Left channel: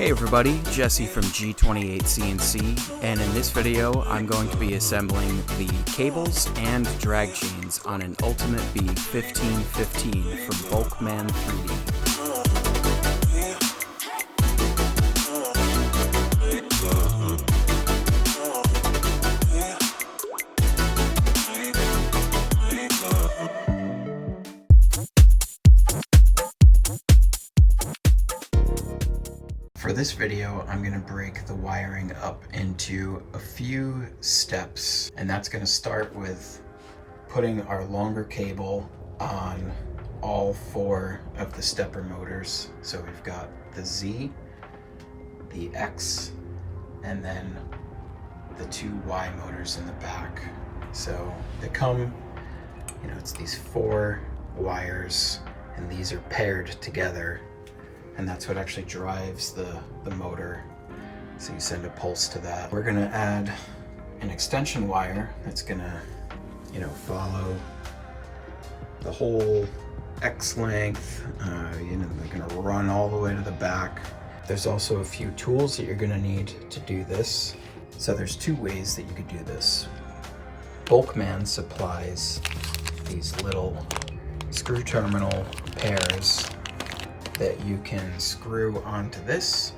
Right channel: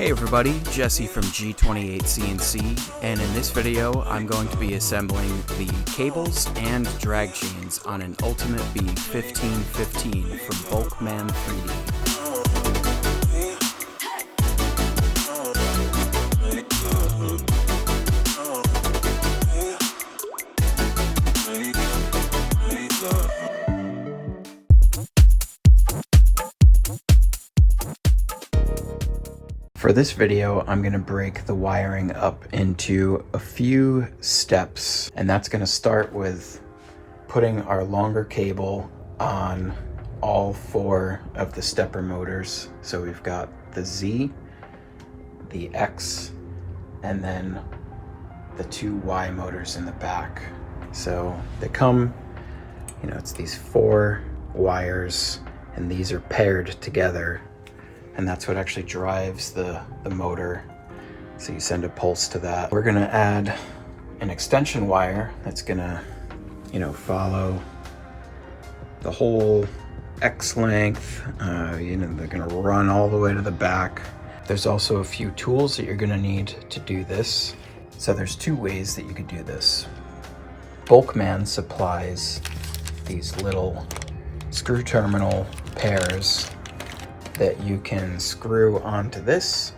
Hey everybody, Jesse from G28CNC, and in this video I'm going to be assembling the cables and drag chains on an UltimateBee 1515 from BulkMan 3D. For this video, I'm going to break the wiring up into a few steps, and that's going to start with putting our longer cable on all four of the stepper motors. So we've got the Z, the X, and then the two Y motors in the back. So they come, it's these four wires, and these are paired together. And that's what actually drives the motor. So you send a pulse to that. We're gonna add an extension wire that's gonna, follow the whole X length. They're gonna run all the way to the back. There's also a few tools that you're gonna need to do this. So there's two ways that you could do this. BulkMan supplies these little screw terminal pairs that you can screw onto this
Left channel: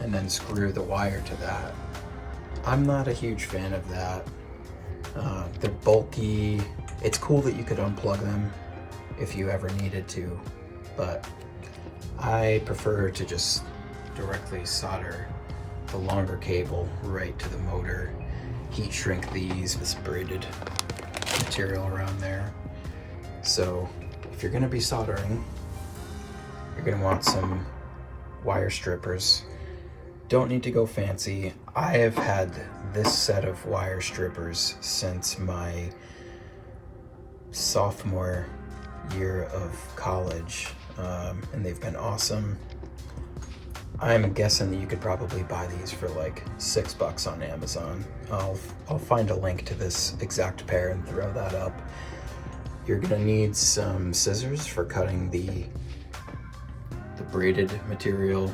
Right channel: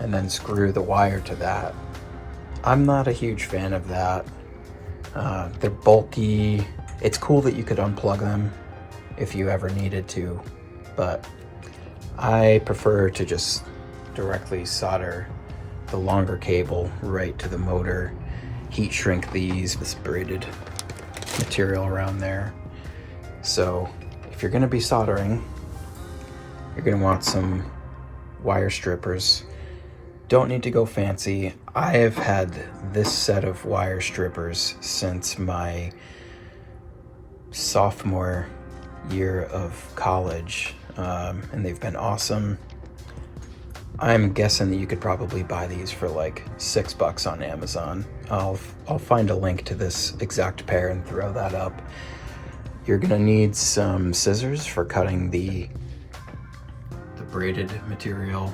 and then screw the wire to that. I'm not a huge fan of that. They're bulky. It's cool that you could unplug them if you ever needed to, but I prefer to just directly solder the longer cable right to the motor, heat shrink this braided material around there. So if you're gonna be soldering, you're gonna want some wire strippers. Don't need to go fancy. I have had this set of wire strippers since my sophomore year of college, and they've been awesome. I'm guessing that you could probably buy these for like $6 on Amazon. I'll find a link to this exact pair and throw that up. You're gonna need some scissors for cutting the braided material,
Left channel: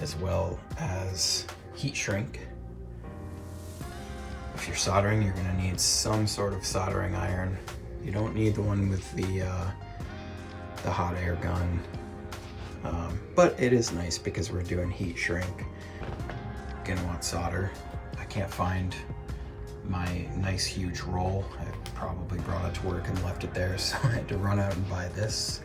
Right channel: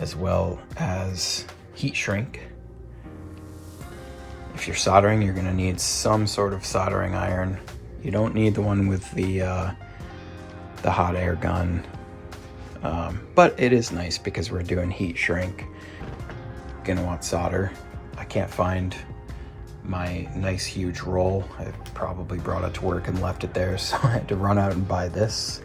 as well as heat shrink. If you're soldering, you're gonna need some sort of soldering iron. You don't need the one with the hot air gun, but it is nice because we're doing heat shrink. Gonna want solder. I can't find my nice huge roll. I probably brought it to work and left it there, so I had to run out and buy this.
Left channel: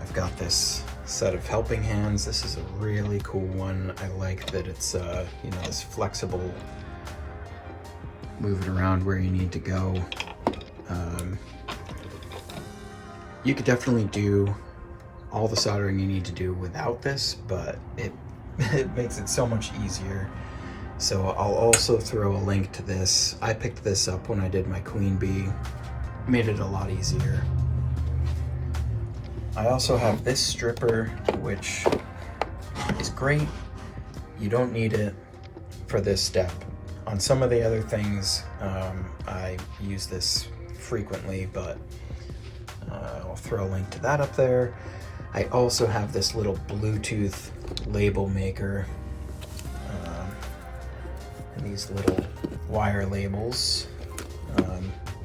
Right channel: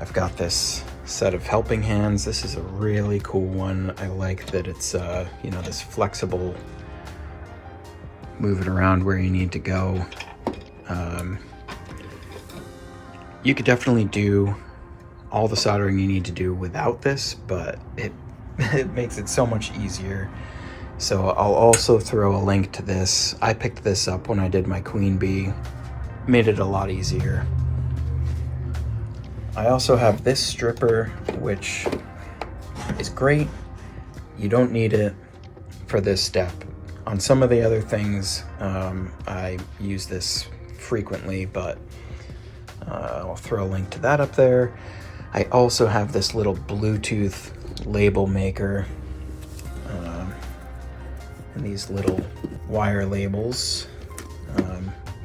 I've got this set of helping hands. This is a really cool one. I like that it's, this flexible, move it around where you need to go. You could definitely do all the soldering you need to do without this, but it makes it so much easier. So I'll also throw a link to this. I picked this up when I did my Queen Bee. Made it a lot easier. I also have this stripper, which is great. You don't need it for this step. On some of the other things, I use this frequently, but I'll throw a link to that up there. I also have this little Bluetooth label maker, and these little wire labels.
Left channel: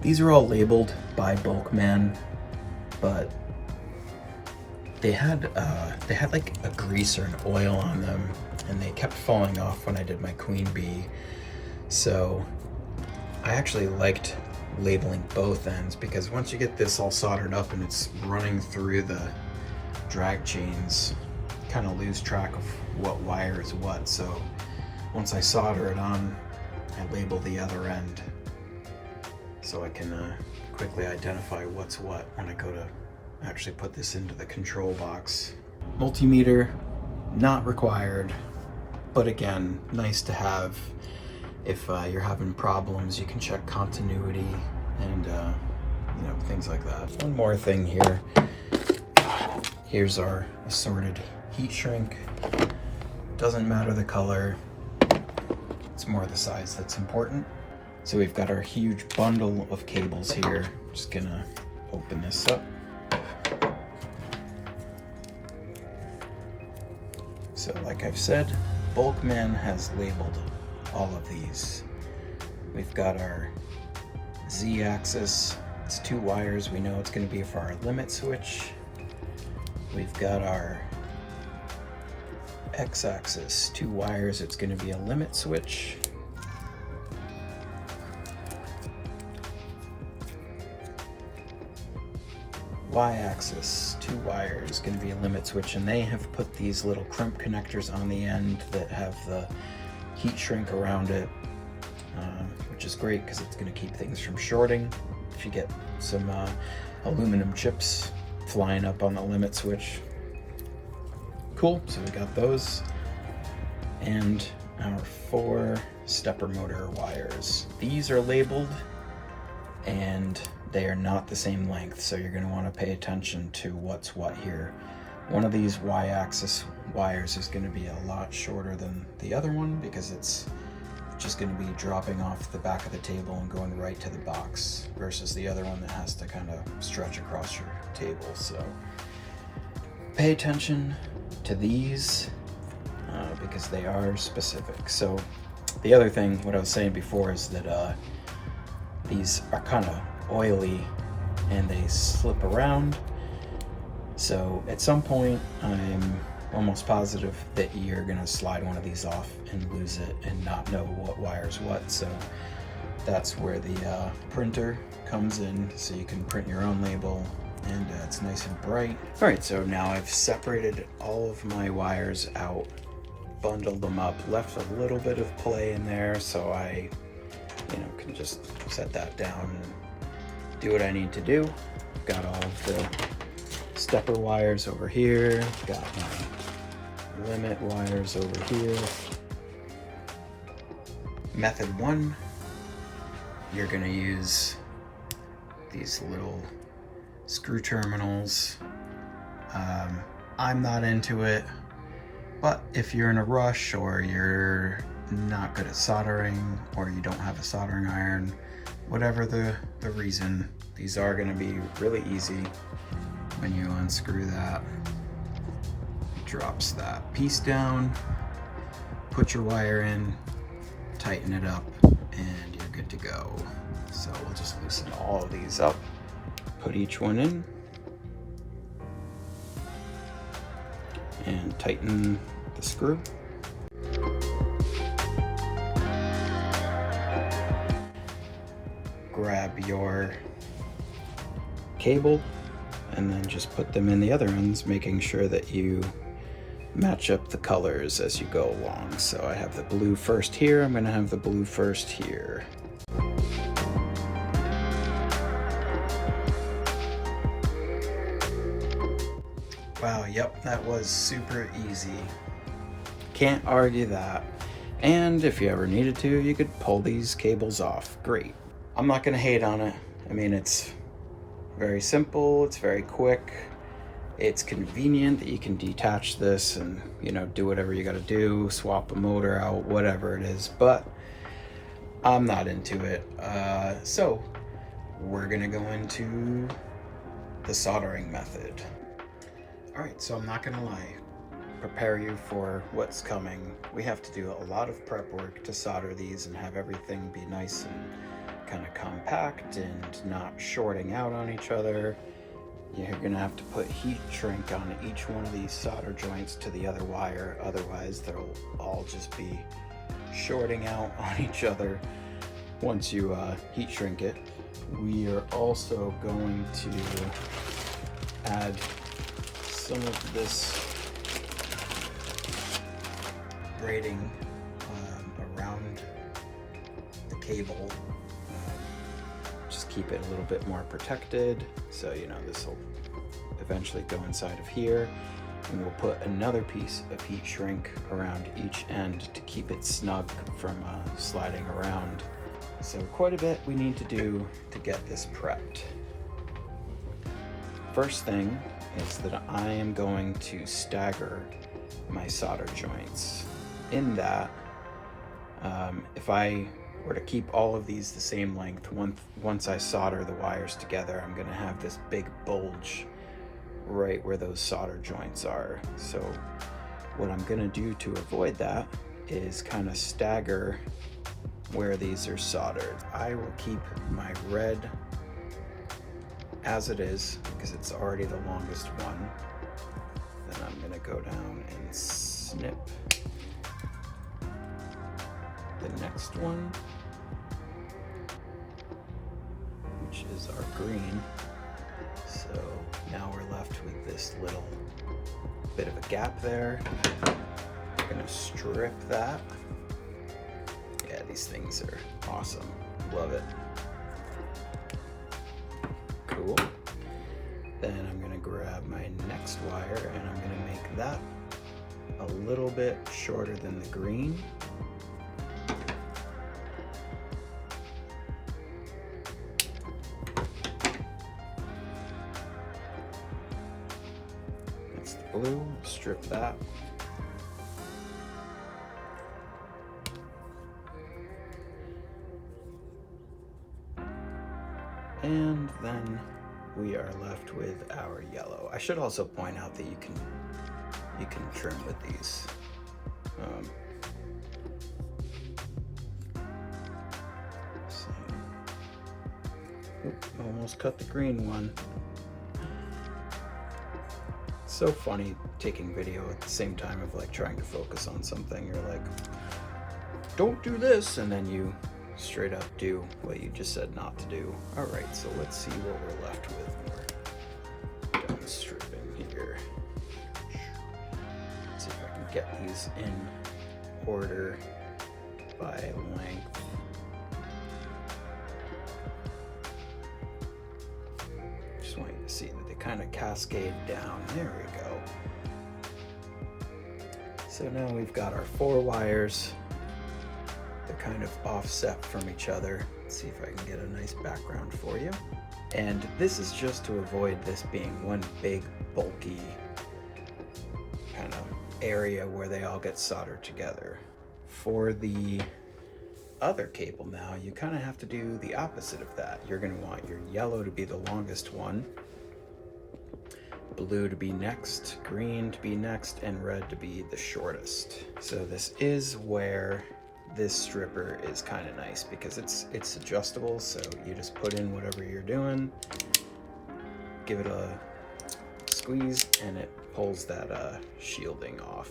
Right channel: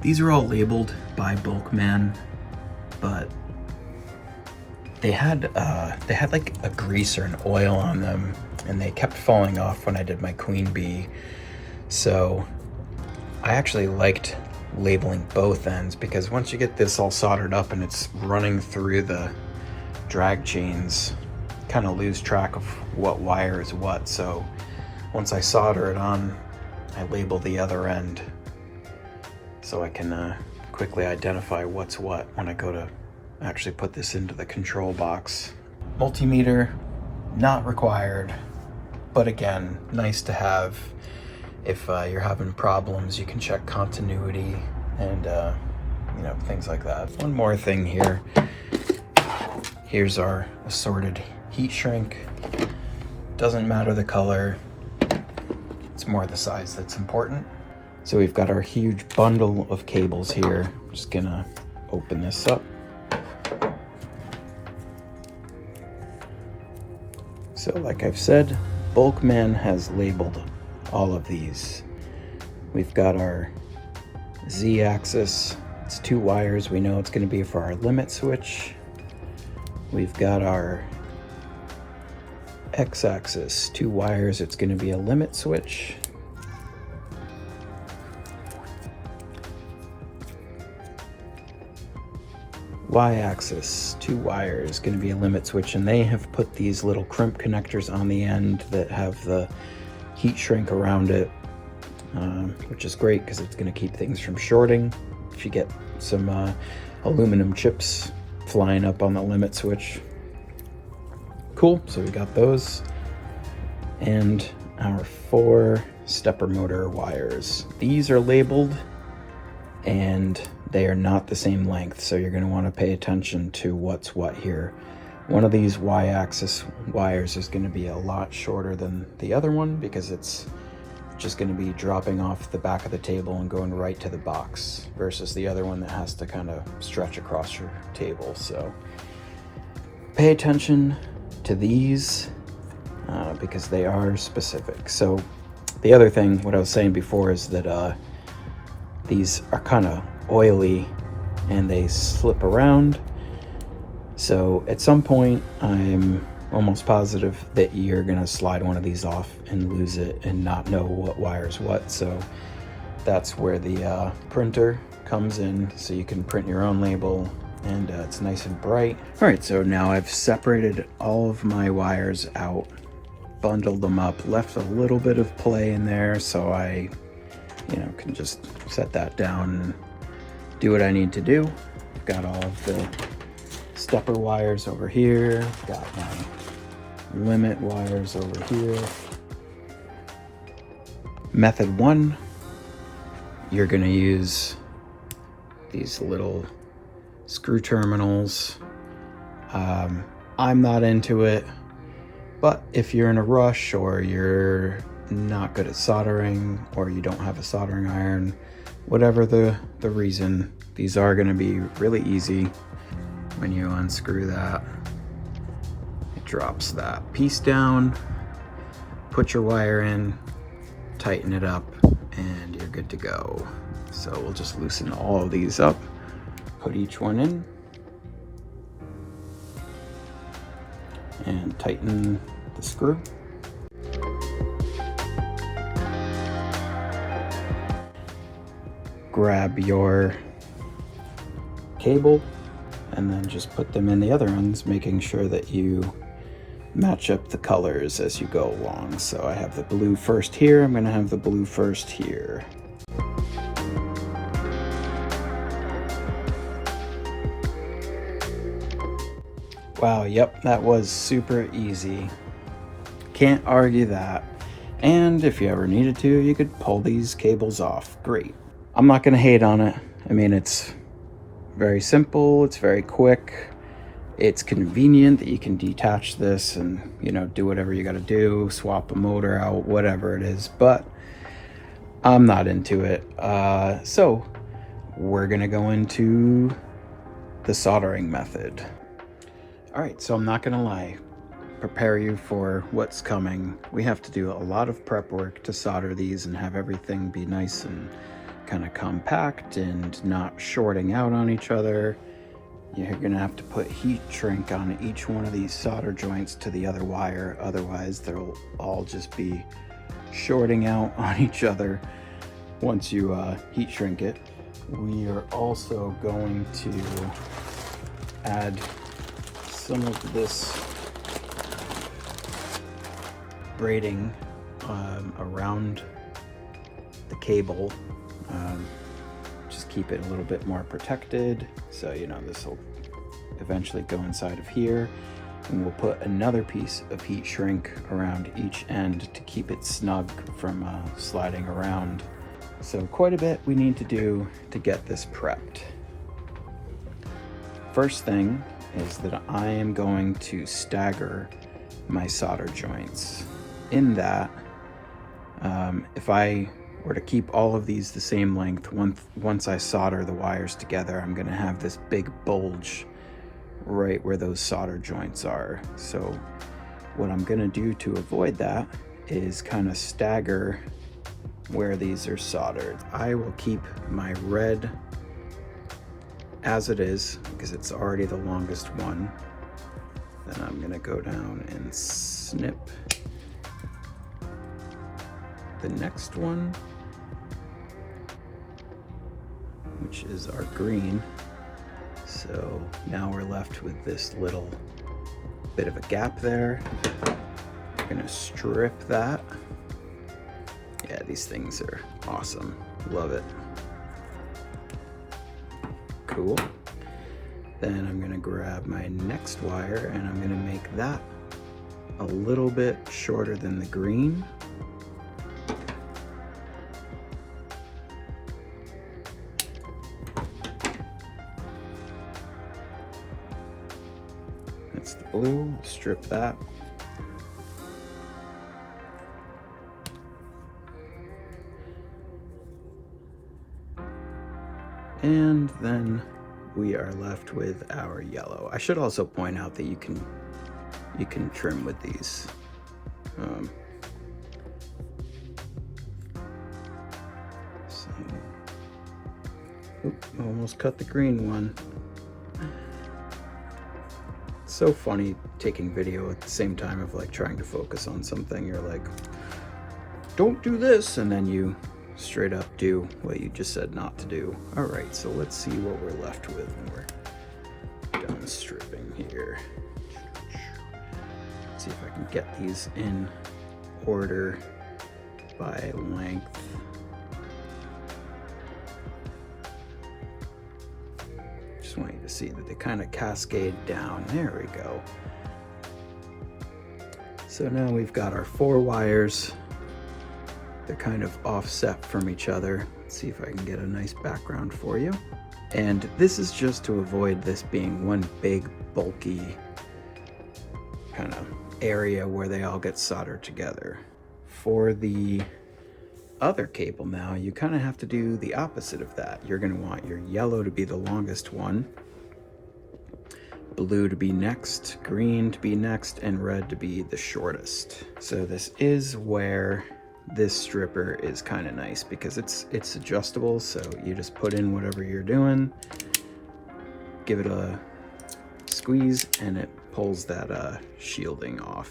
These are all labeled by BulkMan, but they had like a grease or an oil on them, and they kept falling off when I did my Queen Bee. So I actually liked labeling both ends, because once you get this all soldered up and it's running through the drag chains, kind of lose track of what wire is what. So once I solder it on, I label the other end so I can quickly identify what's what when I go to actually put this into the control box. Multimeter, not required, but again, nice to have. If you're having problems, you can check continuity and things like that. One more thing here. Here's our assorted heat shrink. Doesn't matter the color, it's more the size that's important. So we've got our huge bundle of cables here. I'm just gonna open this up. So like I've said, BulkMan has labeled all of these. We've got our Z-axis, it's 2 wires, we know it's going to be for our limit switch. We've got our X-axis, 2 wires, it's going to be a limit switch. Y-axis, 2 wires, going to be a limit switch, and they have put these little crimp connectors on the end that have the heat shrink around it, which is great because it's going to keep things from shorting if you get some aluminum chips flying up on the limit switch. Cool, so we got those, and our 4 stepper motor wires. These are labeled and they are not the same length, so you're going to want to pay attention to what's what here. One of these Y-axis wires is going to be a lot shorter than the other one because it's just going to be dropping off the back of the table and going right to the box, versus the other one that has to kind of stretch across your table. So pay attention to these because they are specific. So the other thing, what I was saying before, is that these are kind of oily and they slip around. So at some point, I'm almost positive that you're gonna slide one of these off and lose it and not know what wire's what. So that's where the printer comes in, so you can print your own label, and it's nice and bright. All right, so now I've separated all of my wires out, bundled them up, left a little bit of play in there so I can just set that down and do what I need to do. Got all of the stepper wires over here, got my limit wires over here. Method 1, you're gonna use these little screw terminals. I'm not into it, but if you're in a rush or you're not good at soldering or you don't have a soldering iron, whatever the reason, these are going to be really easy. When you unscrew that, it drops that piece down, put your wire in, tighten it up, and you're good to go. So we'll just loosen all of these up, put each one in, and tighten the screw. Grab your cable and then just put them in the other ends, making sure that you match up the colors as you go along. So I have the blue first here, I'm gonna have the blue first here. Wow, yep, that was super easy. Can't argue that. And if you ever needed to, you could pull these cables off. Great. I'm not gonna hate on it. I mean, it's very simple, it's very quick, it's convenient that you can detach this and, do whatever you gotta do, swap a motor out, whatever it is, but I'm not into it. So we're gonna go into the soldering method. All right, so I'm not gonna lie, prepare you for what's coming. We have to do a lot of prep work to solder these and have everything be nice and kind of compact and not shorting out on each other. You're gonna have to put heat shrink on each one of these solder joints to the other wire, otherwise they'll all just be shorting out on each other once you heat shrink it. We are also going to add some of this braiding around the cable. Just keep it a little bit more protected. So, this will eventually go inside of here. And we'll put another piece of heat shrink around each end to keep it snug from sliding around. So quite a bit we need to do to get this prepped. First thing is that I am going to stagger my solder joints. In that, if I were to keep all of these the same length, once I solder the wires together, I'm gonna have this big bulge right where those solder joints are. So what I'm gonna do to avoid that is kind of stagger where these are soldered. I will keep my red as it is because it's already the longest one. Then I'm gonna go down and snip the next one, which is our green. So now we're left with this little bit of a gap there. We're gonna strip that. Yeah, these things are awesome. Love it. Cool. Then I'm gonna grab my next wire and I'm gonna make that a little bit shorter than the green. That's the blue. Strip that. And then we are left with our yellow. I should also point out that you can trim with these. Almost cut the green one. It's so funny taking video at the same time of like trying to focus on something. You're like, don't do this, and then you straight up do what you just said not to do. All right, so let's see what we're left with. We're done stripping here. Let's see if I can get these in order by length. Just want you to see that they kind of cascade down. There we go. So now we've got our 4 wires. They're kind of offset from each other. Let's see if I can get a nice background for you. And this is just to avoid this being one big bulky kind of area where they all get soldered together. For the other cable now, you kind of have to do the opposite of that. You're going to want your yellow to be the longest one, blue to be next, green to be next, and red to be the shortest. So this is where this stripper is kind of nice because it's adjustable, so you just put in whatever you're doing, give it a squeeze, and it pulls that shielding off,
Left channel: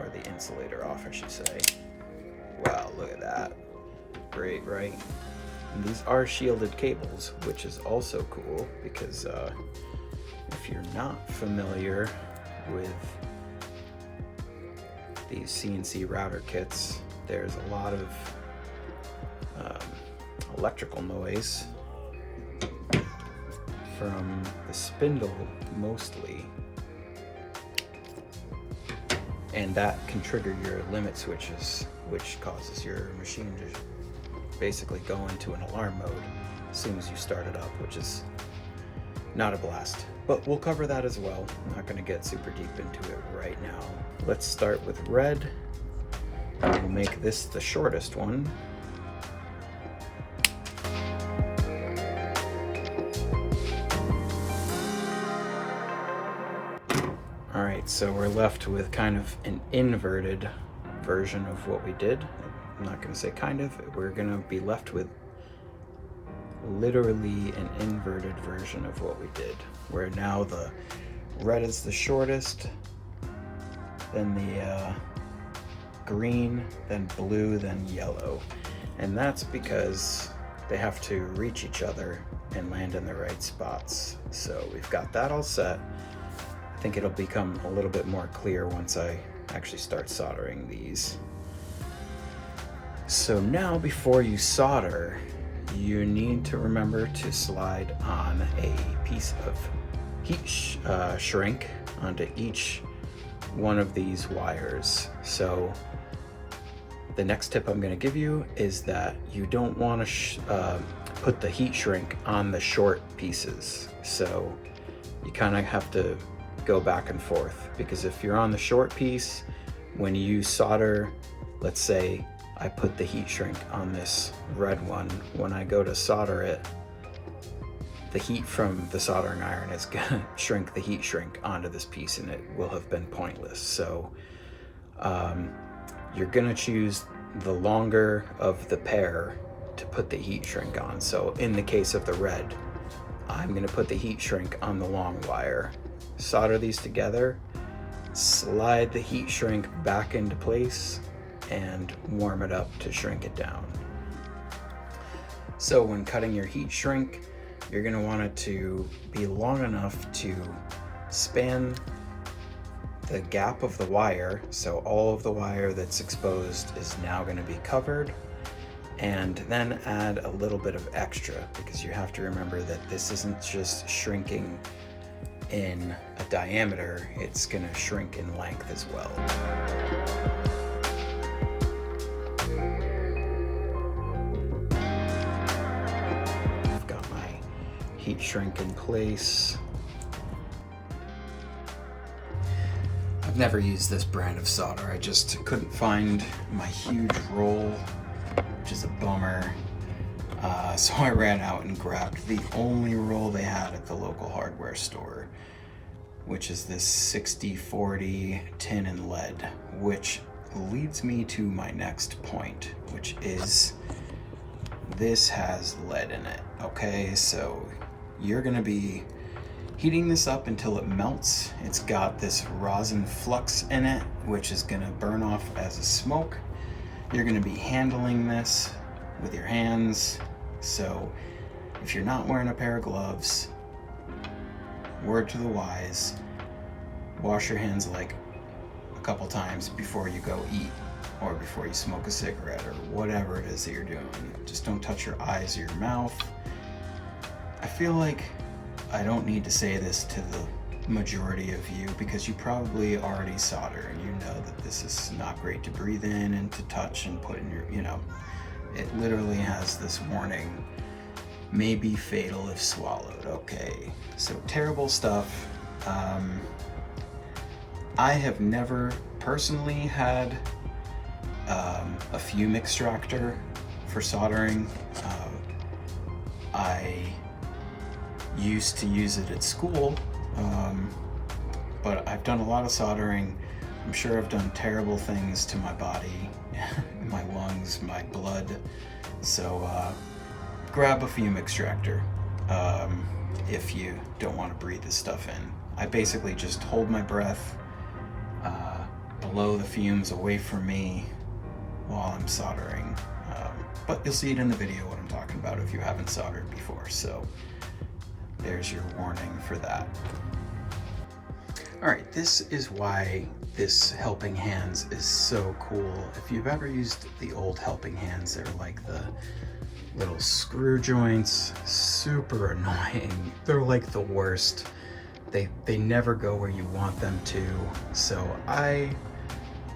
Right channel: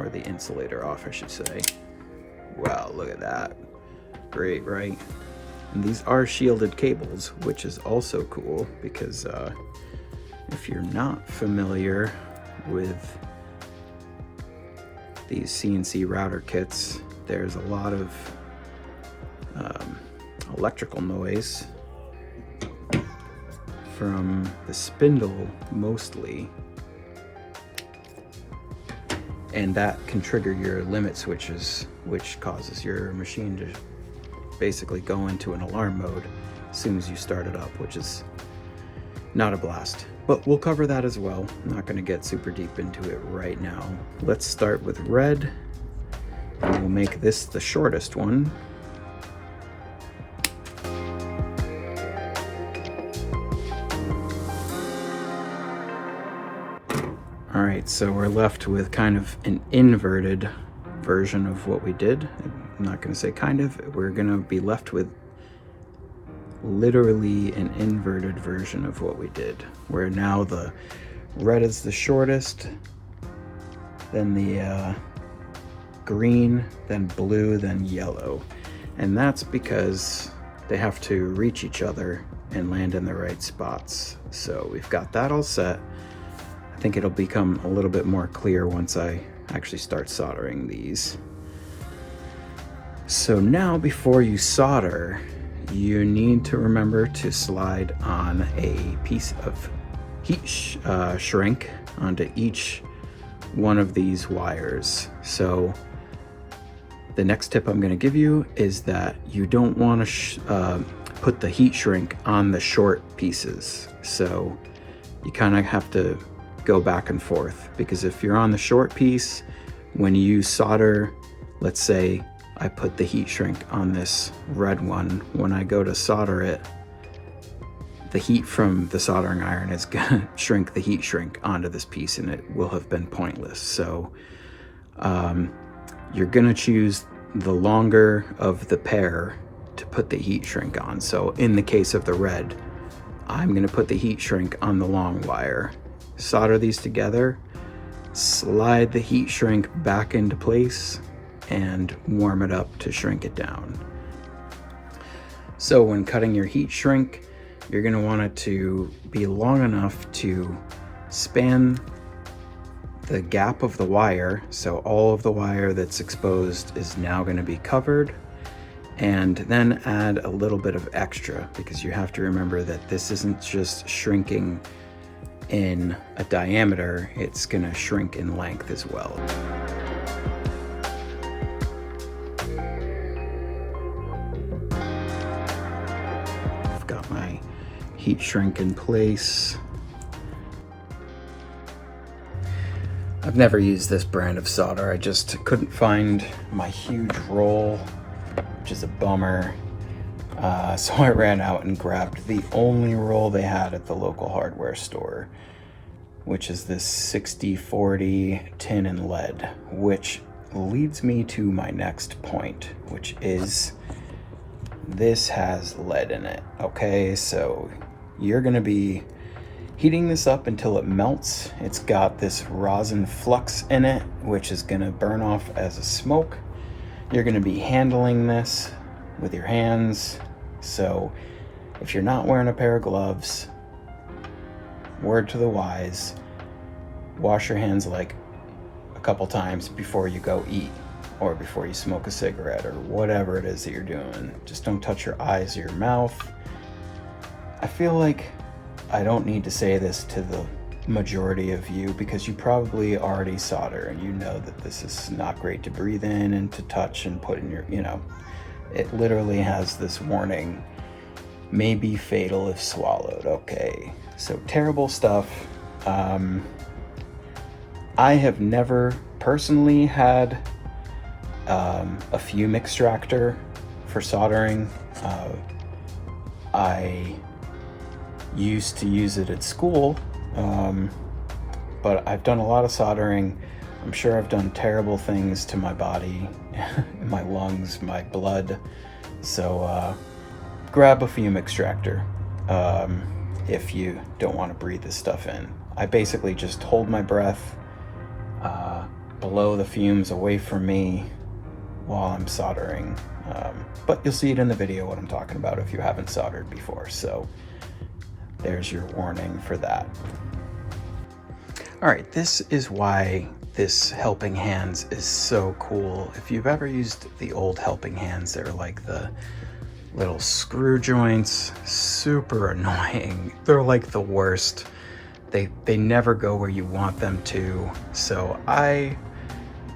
or the insulator off, I should say. Wow, look at that. Great, right? And these are shielded cables, which is also cool because if you're not familiar with these CNC router kits, there's a lot of electrical noise from the spindle mostly, and that can trigger your limit switches, which causes your machine to basically go into an alarm mode as soon as you start it up, which is not a blast. But we'll cover that as well. I'm not going to get super deep into it right now. Let's start with red. We'll make this the shortest one. All right, so we're left with kind of an inverted version of what we did. I'm not going to say kind of. We're going to be left with literally an inverted version of what we did, where now the red is the shortest, then the green, then blue, then yellow. And that's because they have to reach each other and land in the right spots. So we've got that all set. I think it'll become a little bit more clear once I actually start soldering these. So now, before you solder, you need to remember to slide on a piece of heat shrink onto each one of these wires. So the next tip I'm going to give you is that you don't want to put the heat shrink on the short pieces. So you kind of have to go back and forth, because if you're on the short piece, when you solder, let's say I put the heat shrink on this red one, when I go to solder it, the heat from the soldering iron is gonna shrink the heat shrink onto this piece, and it will have been pointless. So you're gonna choose the longer of the pair to put the heat shrink on. So in the case of the red, I'm gonna put the heat shrink on the long wire, solder these together, slide the heat shrink back into place, and warm it up to shrink it down. So when cutting your heat shrink, you're gonna want it to be long enough to span the gap of the wire, so all of the wire that's exposed is now gonna be covered, and then add a little bit of extra, because you have to remember that this isn't just shrinking in a diameter, it's gonna shrink in length as well. I've got my heat shrink in place. I've never used this brand of solder. I just couldn't find my huge roll, which is a bummer. So I ran out and grabbed the only roll they had at the local hardware store, which is this 60/40 tin and lead, which leads me to my next point, which is this has lead in it. Okay, so you're gonna be heating this up until it melts. It's got this rosin flux in it, which is gonna burn off as a smoke. You're gonna be handling this with your hands. So if you're not wearing a pair of gloves, word to the wise, wash your hands like a couple times before you go eat, or before you smoke a cigarette, or whatever it is that you're doing. Just don't touch your eyes or your mouth. I feel like I don't need to say this to the majority of you, because you probably already solder and you know that this is not great to breathe in and to touch and put in your, it literally has this warning, may be fatal if swallowed. Okay, so terrible stuff. I have never personally had a fume extractor for soldering. I used to use it at school, but I've done a lot of soldering. I'm sure I've done terrible things to my body, my lungs, my blood. So grab a fume extractor if you don't want to breathe this stuff in. I basically just hold my breath, blow the fumes away from me while I'm soldering. But you'll see it in the video what I'm talking about if you haven't soldered before. So there's your warning for that. All right, this is why this helping hands is so cool. If you've ever used the old helping hands, they're like the little screw joints, super annoying. They're like the worst. They never go where you want them to. So I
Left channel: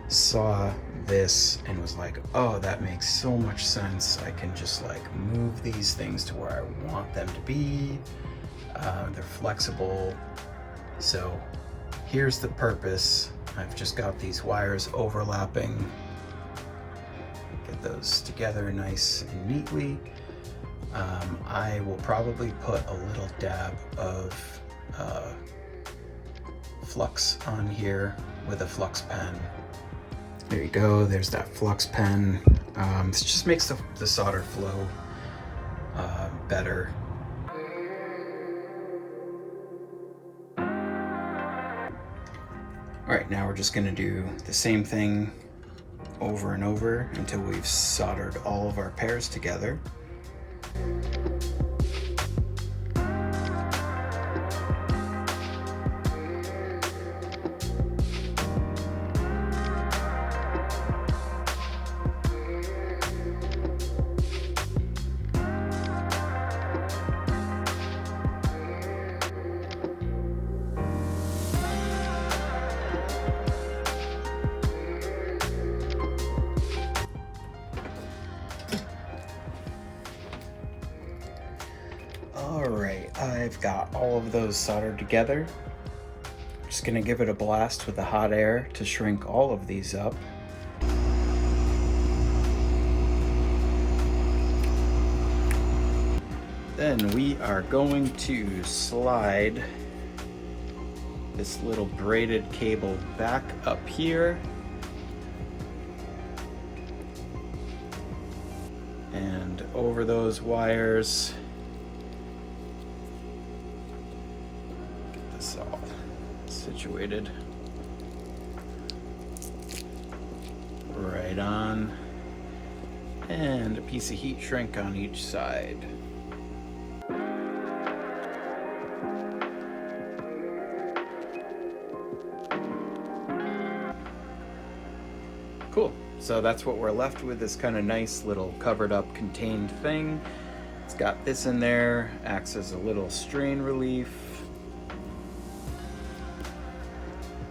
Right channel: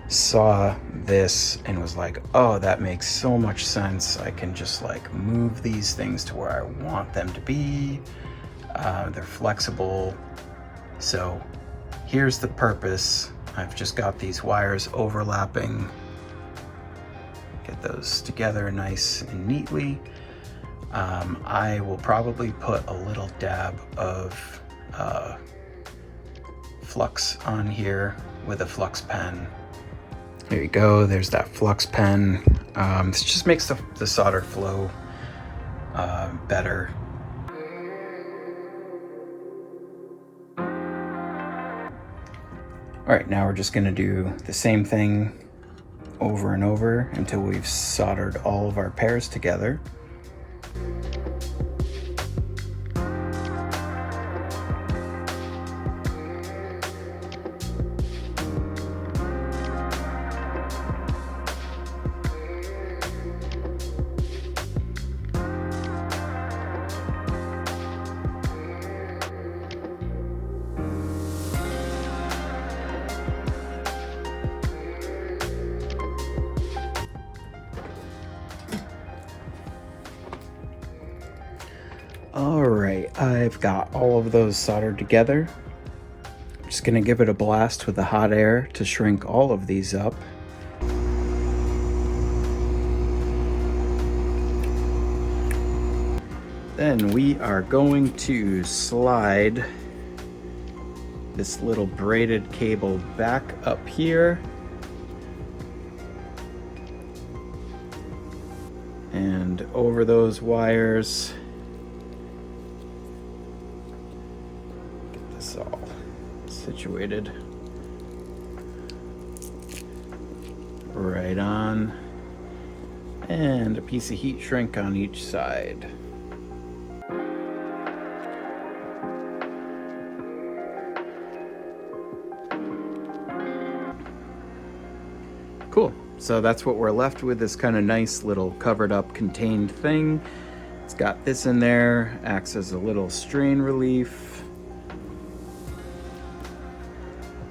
saw this and was like, oh, that makes so much sense. I can just like move these things to where I want them to be. They're flexible. So here's the purpose. I've just got these wires overlapping. Get those together nice and neatly. I will probably put a little dab of flux on here with a flux pen. There you go, there's that flux pen. This just makes the solder flow better. All right, now we're just gonna do the same thing over and over until we've soldered all of our pairs together. All right, I've got all of those soldered together. Just gonna give it a blast with the hot air to shrink all of these up. Then then we are going to slide this little braided cable back up here and over those wires. Get this all situated right on, and a piece of heat shrink on each side. Cool. So that's what we're left with, this kind of nice little covered up contained thing. It's got this in there, acts as a little strain relief.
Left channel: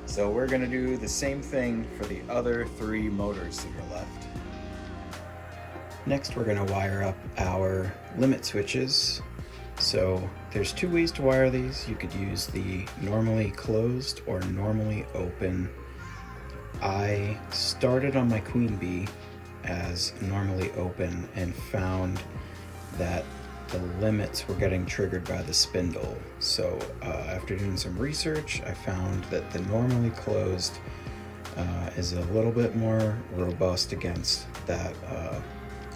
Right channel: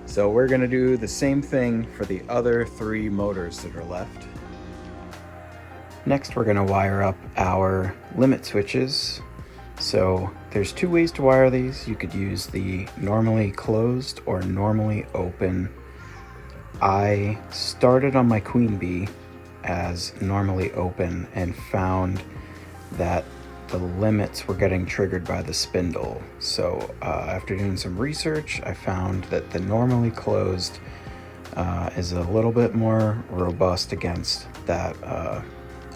So we're gonna do the same thing for the other 3 motors that are left. Next, we're gonna wire up our limit switches. So there's 2 ways to wire these. You could use the normally closed or normally open. I started on my Queen Bee as normally open and found that the limits were getting triggered by the spindle. So after doing some research, I found that the normally closed is a little bit more robust against that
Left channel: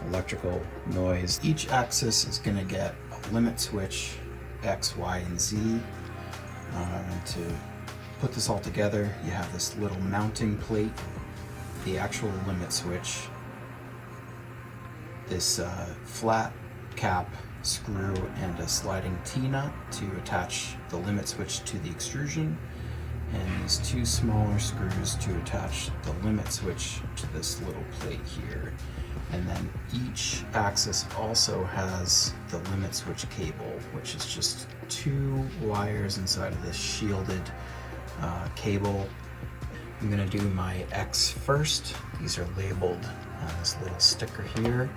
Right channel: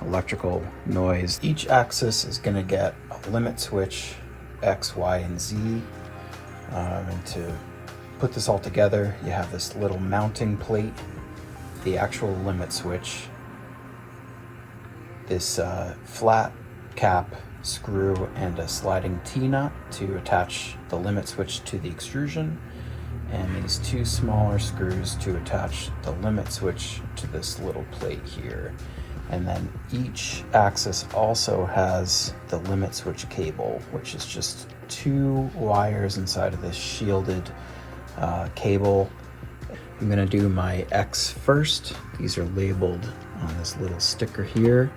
electrical noise. Each axis is going to get a limit switch X, Y, and Z. And to put this all together, you have this little mounting plate, the actual limit switch, this flat cap screw, and a sliding T-nut to attach the limit switch to the extrusion, and these 2 smaller screws to attach the limit switch to this little plate here. And then each axis also has the limit switch cable, which is just 2 wires inside of this shielded cable. I'm gonna do my X first. These are labeled on this little sticker here.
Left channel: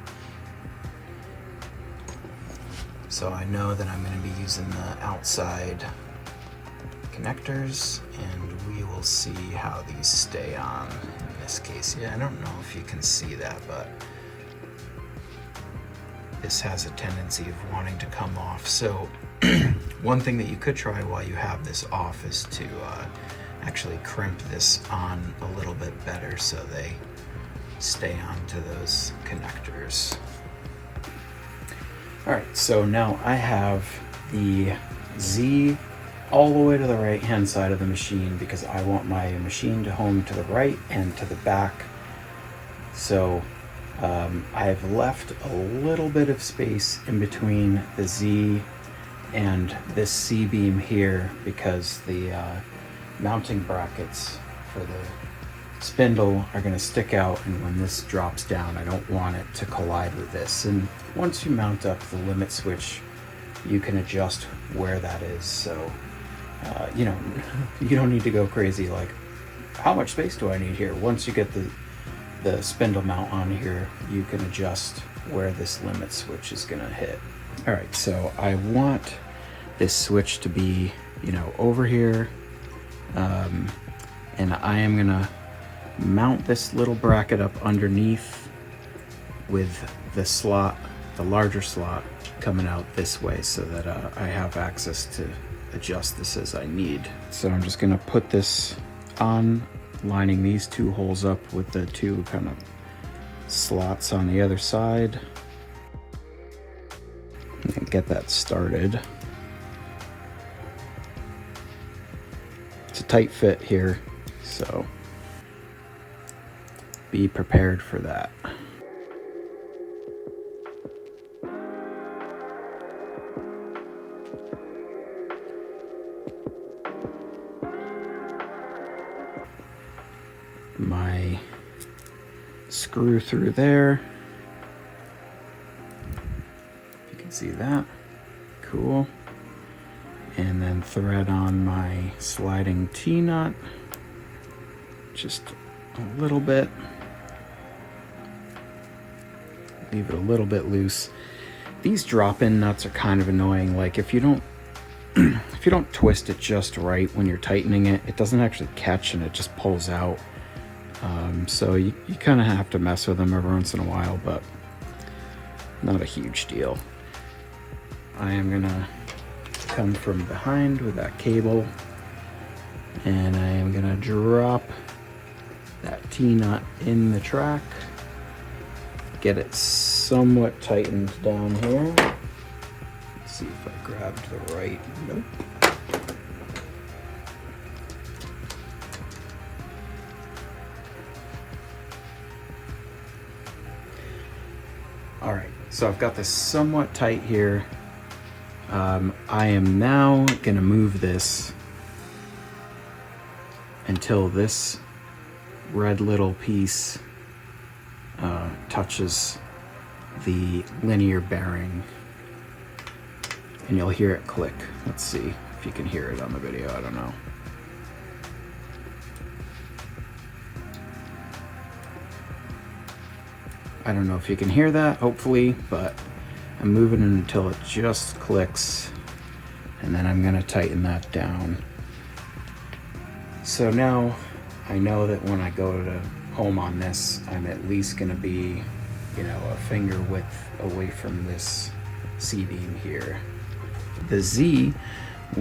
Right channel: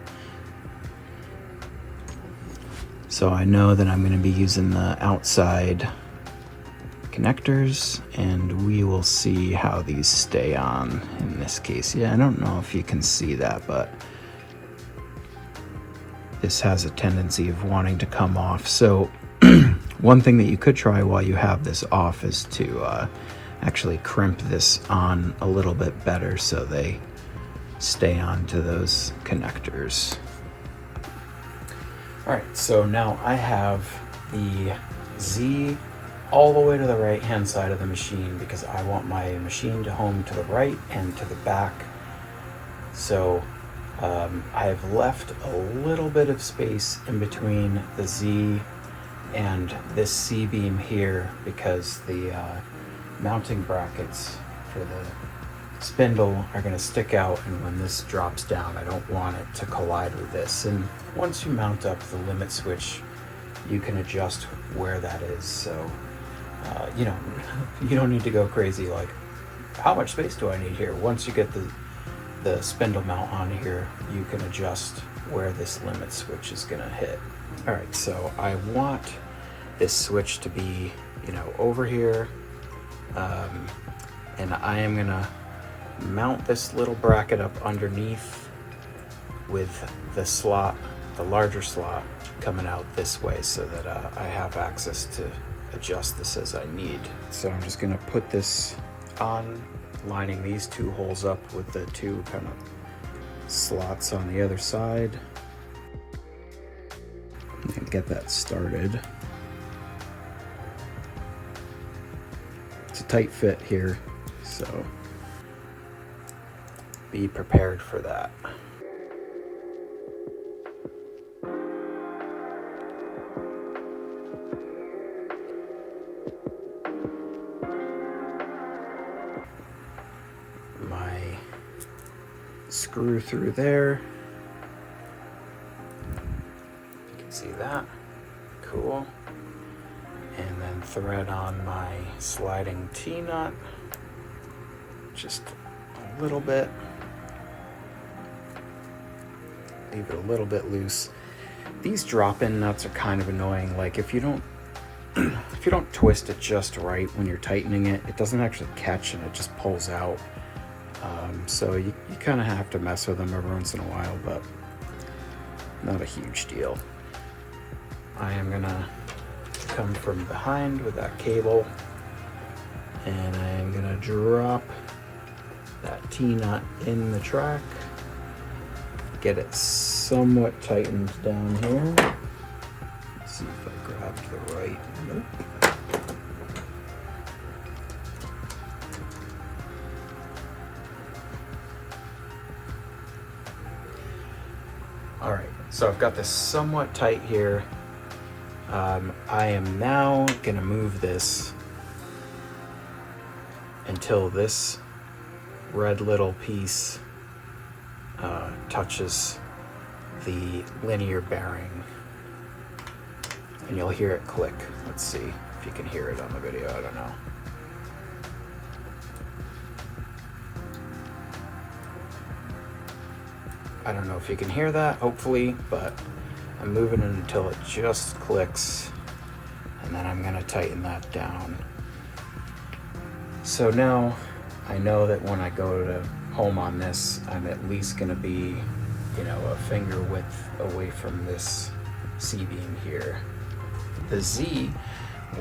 So I know that I'm gonna be using the outside connectors, and we will see how these stay on in this case. Yeah, I don't know if you can see that, but this has a tendency of wanting to come off. So one thing that you could try while you have this off is to actually crimp this on a little bit better so they stay on to those connectors. All right, so now I have the Z all the way to the right hand side of the machine because I want my machine to home to the right and to the back. So I have left a little bit of space in between the Z and this C-beam here because the mounting brackets for the spindle are going to stick out, and when this drops down I don't want it to collide with this. And once you mount up the limit switch, you can adjust where that is. So you know, you don't need to go crazy like, how much space do I need here? Once you get the spindle mount on here, you can adjust where this limit switch is going to hit. All right, so I want this switch to be, you know, over here, and I am gonna mount this little bracket up underneath with the slot, the larger slot, coming out this way so that I have access to adjust this as I need. So I'm just gonna put this on, lining these 2 holes up with the 2 kind of slots on the other side, and get that started. It's a tight fit here, so be prepared for that. My screw through there. You can see that. Cool. And then thread on my sliding T-nut, just a little bit. Leave it a little bit loose. These drop-in nuts are kind of annoying. Like if you don't twist it just right when you're tightening it, it doesn't actually catch and it just pulls out. So you kind of have to mess with them every once in a while, but not a huge deal. I am gonna come from behind with that cable, and I am gonna drop that T-nut in the track, get it somewhat tightened down here. Let's see if I grabbed the right. Nope. All right, so I've got this somewhat tight here. I am now gonna move this until this red little piece touches the linear bearing, and you'll hear it click. Let's see if you can hear it on the video, I don't know. I don't know if you can hear that, hopefully, but I'm moving it until it just clicks, and then I'm gonna tighten that down. So now I know that when I go to home on this, I'm at least gonna be, you know, a finger width away from this C-beam here. The Z,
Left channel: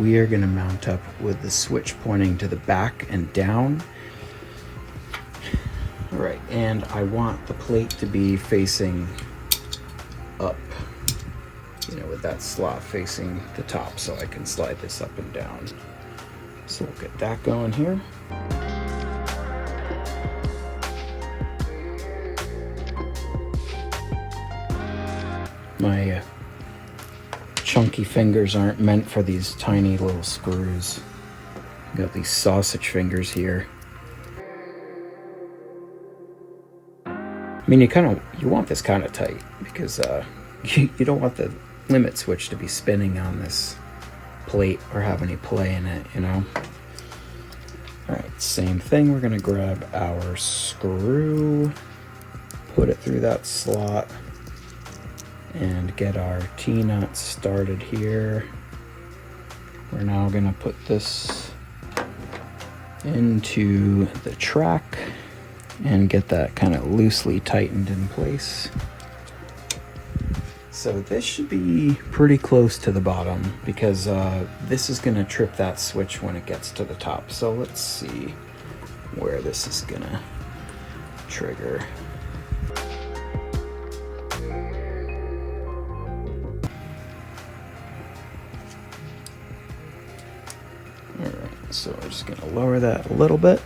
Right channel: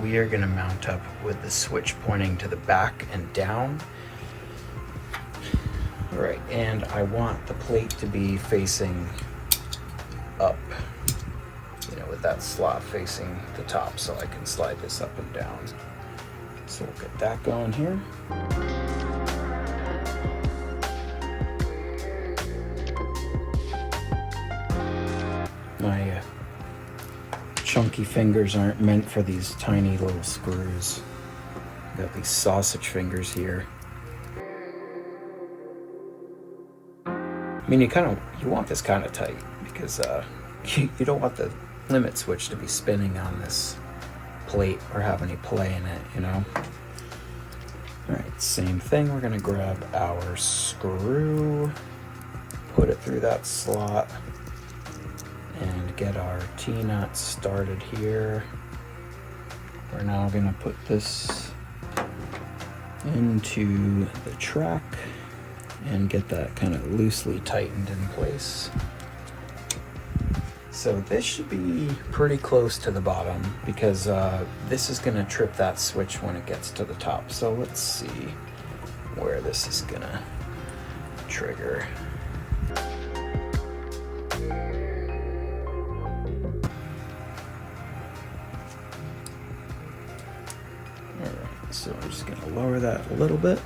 we are gonna mount up with the switch pointing to the back and down. All right, and I want the plate to be facing up, you know, with that slot facing the top, so I can slide this up and down. So we'll get that going here. My chunky fingers aren't meant for these tiny little screws. Got these sausage fingers here. I mean, you want this kind of tight because you don't want the limit switch to be spinning on this plate or have any play in it, you know. All right, same thing. We're gonna grab our screw, put it through that slot, and get our T-nut started here. We're now gonna put this into the track and get that kind of loosely tightened in place. So this should be pretty close to the bottom because this is gonna trip that switch when it gets to the top. So let's see where this is gonna trigger. All right, so I'm just gonna lower that a little bit.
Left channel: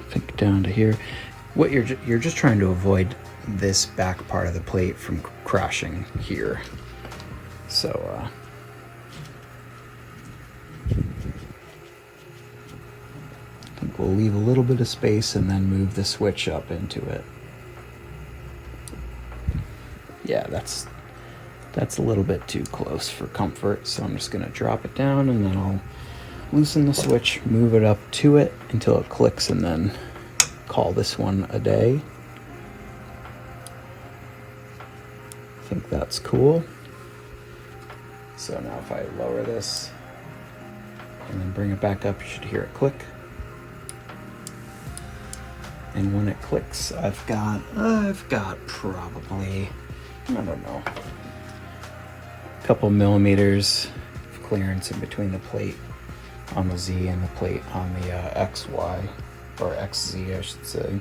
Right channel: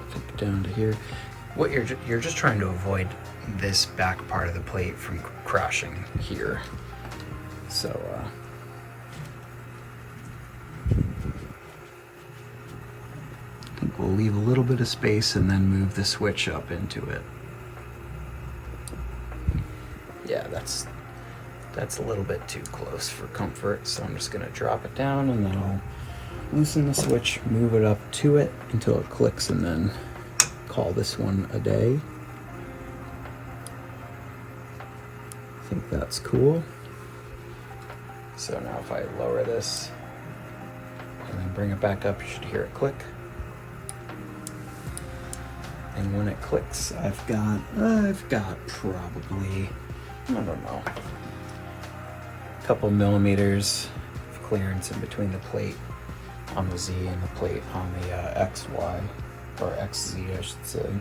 I think down to here. What you're just trying to avoid this back part of the plate from crashing here. So I think we'll leave a little bit of space and then move the switch up into it. Yeah, that's a little bit too close for comfort, so I'm just gonna drop it down and then I'll loosen the switch, move it up to it until it clicks, and then call this one a day. I think that's cool. So now if I lower this and then bring it back up, you should hear it click. And when it clicks, I've got probably, I don't know, a couple millimeters of clearance in between the plate on the Z and the plate on the XY, or XZ I should say.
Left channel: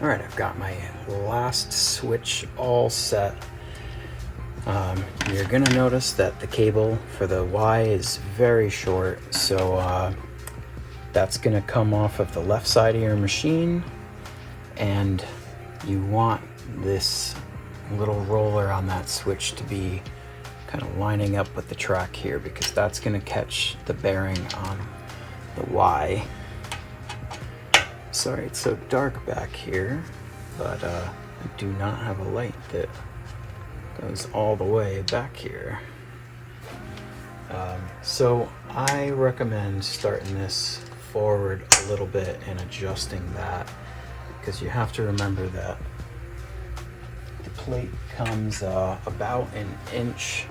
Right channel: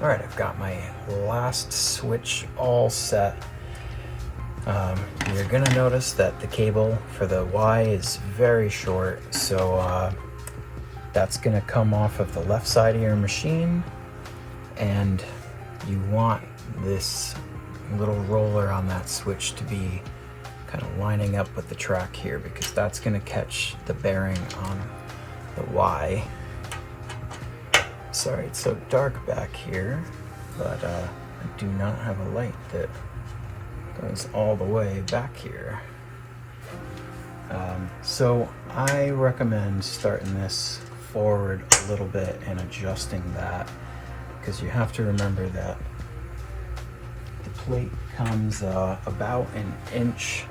All right, I've got my last switch all set. You're gonna notice that the cable for the Y is very short, so that's gonna come off of the left side of your machine, and you want this little roller on that switch to be kind of lining up with the track here, because that's gonna catch the bearing on the Y. Sorry it's so dark back here, but I do not have a light that goes all the way back here. So I recommend starting this forward a little bit and adjusting that, because you have to remember that the plate comes about an inch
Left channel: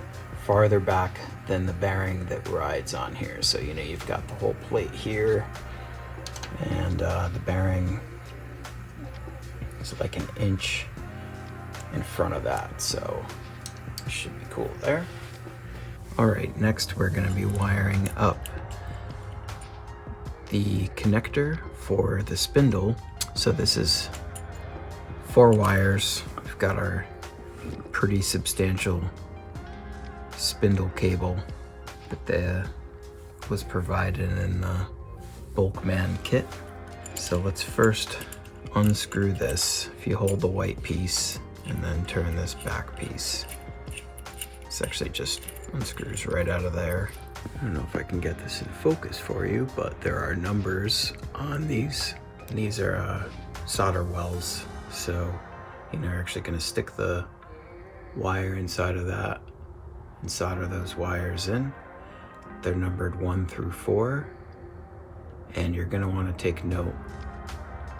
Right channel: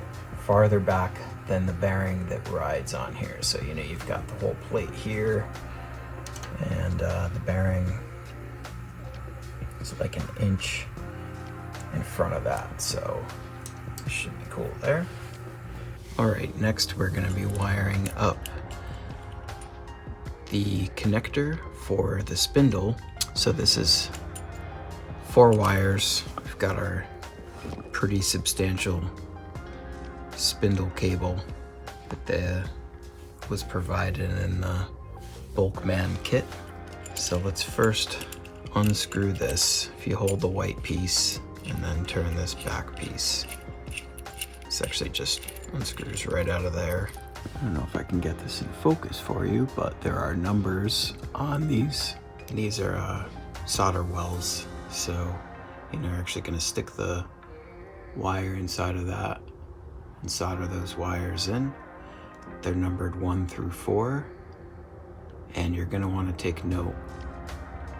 farther back than the bearing that rides on here. So you know, you've got the whole plate here, and the bearing is like an inch in front of that, so it should be cool there. All right, next we're gonna be wiring up the connector for the spindle. So this is 4 wires. We've got our pretty substantial spindle cable that was provided in the BulkMan kit. So let's first unscrew this. If you hold the white piece and then turn this back piece, this actually just unscrews right out of there. I don't know if I can get this in focus for you, but there are numbers on these. And these are solder wells. So, you're actually gonna stick the wire inside of that and solder those wires in. They're numbered 1 through 4. And you're gonna wanna take note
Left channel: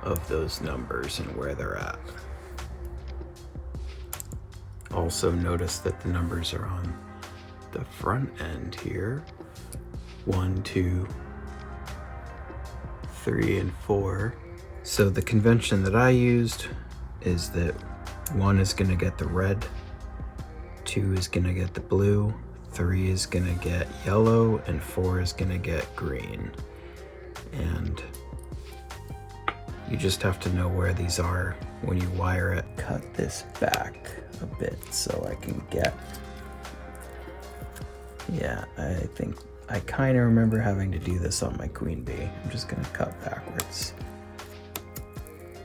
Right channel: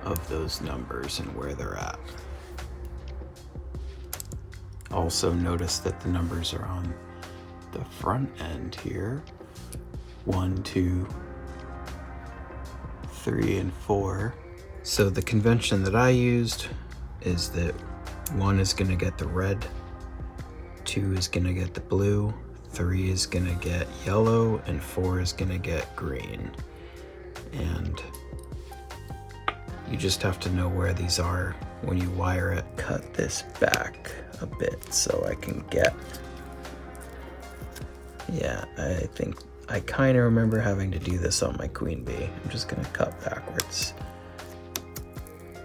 of those numbers and where they're at. Also notice that the numbers are on the front end here. 1, 2, 3, and 4. So the convention that I used is that 1 is gonna get the red, 2 is gonna get the blue, 3 is gonna get yellow, and 4 is gonna get green. And you just have to know where these are when you wire it. Cut this back a bit so I can get, yeah, I think I kind of remember having to do this on my queen bee. I'm just gonna cut backwards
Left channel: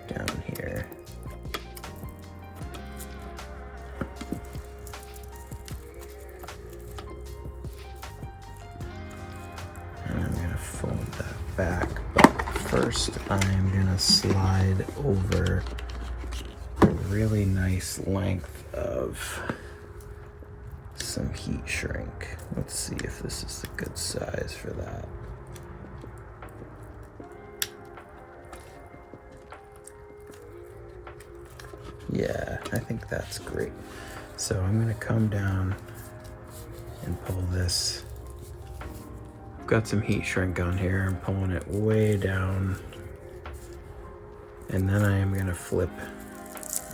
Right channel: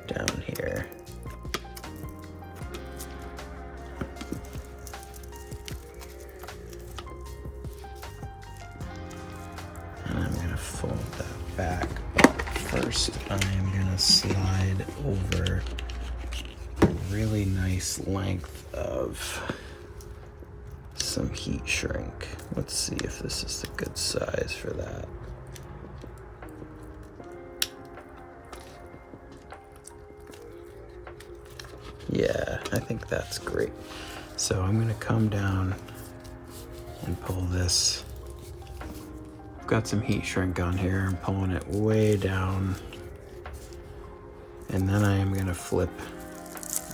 down here. And I'm gonna fold that back, but first I'm gonna slide over a really nice length of some heat shrink. Let's see if this is the good size for that. Yeah, I think that's great. So I'm gonna come down and pull this. I've got some heat shrink on here. I'm pulling it way down. And then I am gonna flip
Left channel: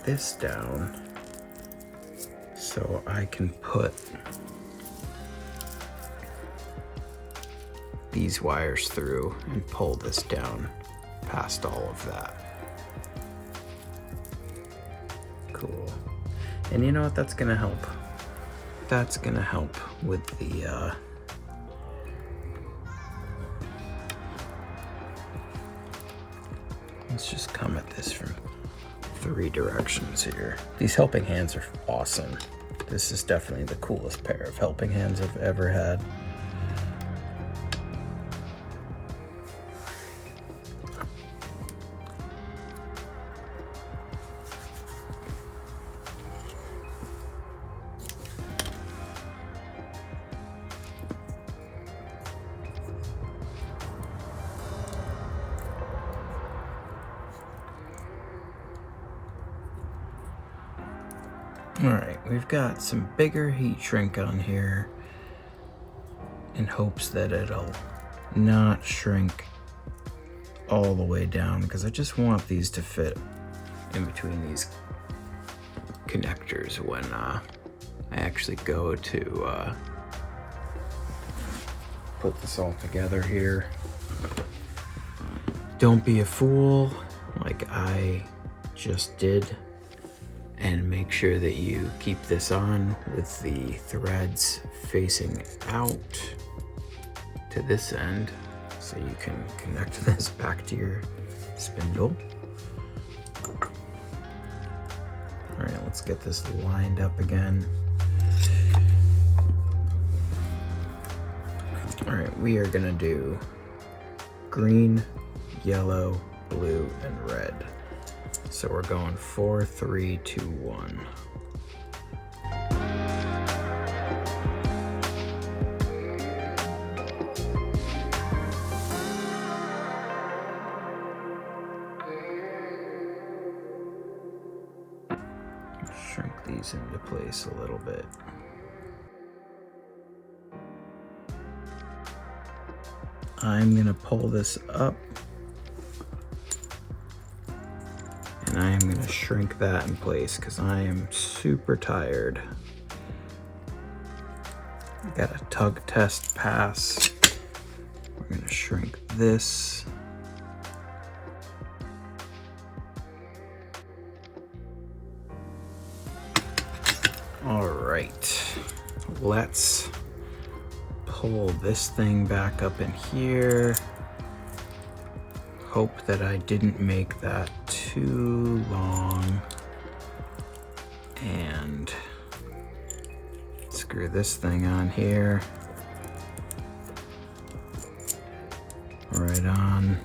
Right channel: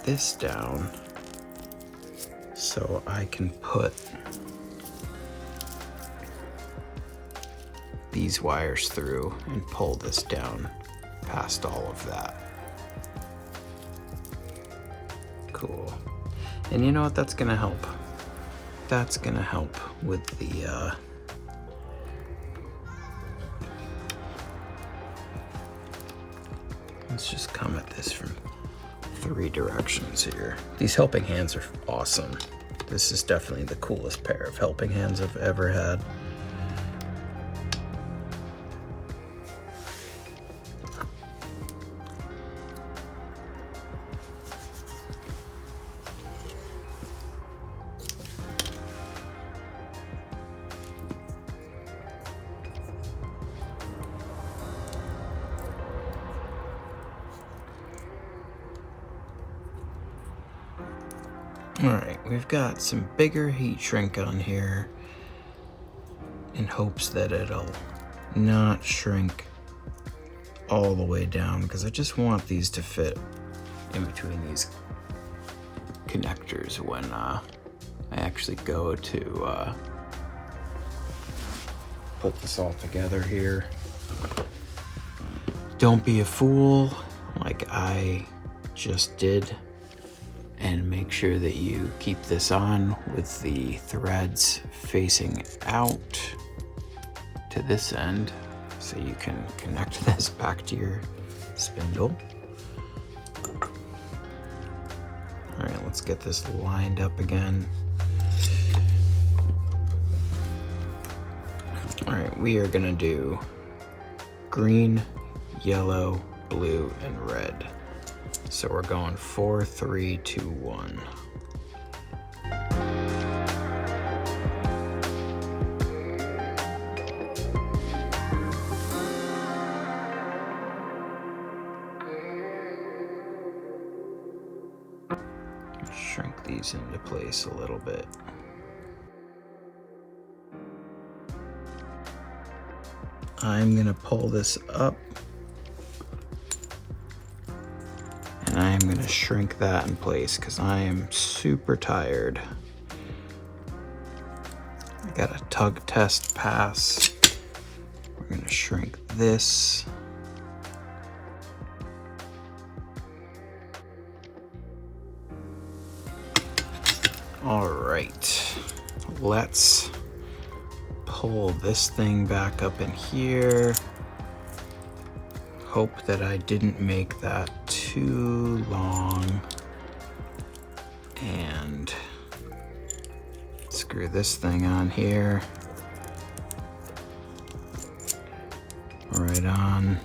this down so I can put these wires through and pull this down past all of that. Cool. And you know what, that's gonna help. That's gonna help with the let's just come at this from 3 directions here. These helping hands are awesome. This is definitely the coolest pair of helping hands I've ever had. All right, we've got some bigger heat shrink on here in hopes that it'll not shrink all the way down, because I just want these to fit in between these connectors when I actually go to put this all together here. Don't be a fool like I just did, and make sure that you keep this on with the threads facing out to this end so you can connect this back to your spindle. All right, let's get this lined up again. All right, we are gonna do green, yellow, blue, and red. So we're going 4, 3, 2, 1. Shrink these into place a little bit. I'm gonna pull this up, and I'm gonna gonna shrink that in place because I am super tired. I got a tug test pass. We're gonna shrink this. All right, let's pull this thing back up in here. Hope that I didn't make that too long. And screw this thing on here. Right on.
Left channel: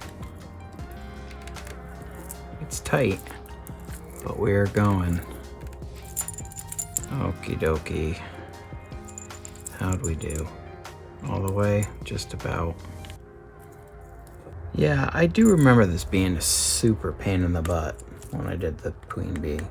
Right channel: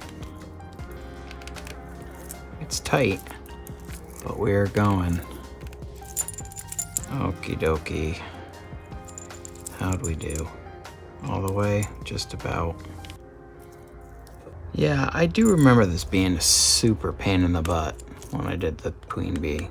It's tight, but we're going. Okie dokie. How'd we do? All the way? Just about. Yeah, I do remember this being a super pain in the butt when I did the queen bee.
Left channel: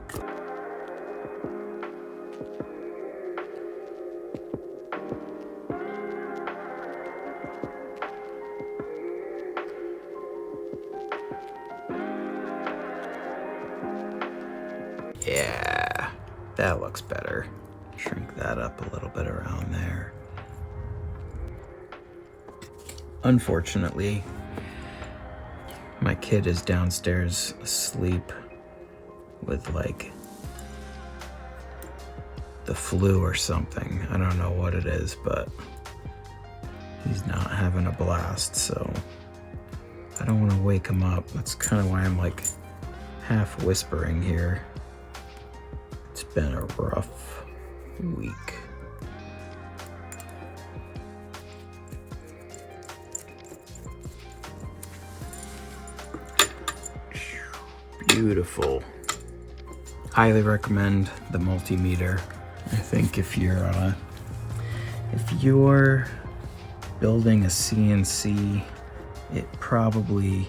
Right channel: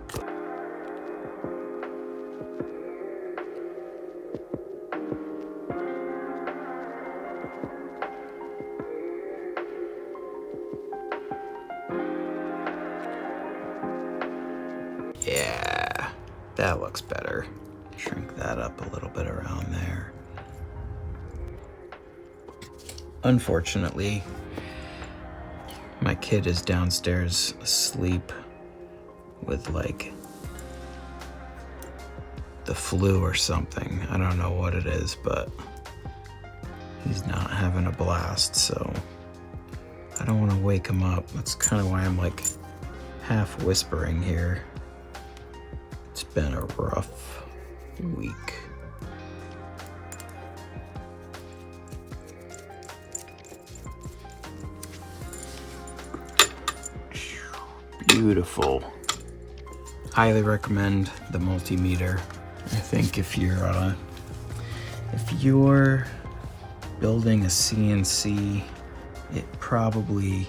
Yeah, that looks better. Shrink that up a little bit around there. Unfortunately, my kid is downstairs asleep with like the flu or something. I don't know what it is, but he's not having a blast, so I don't want to wake him up. That's kind of why I'm like half whispering here. It's been a rough week. Beautiful. Highly recommend the multimeter. I think if you're building a CNC, it probably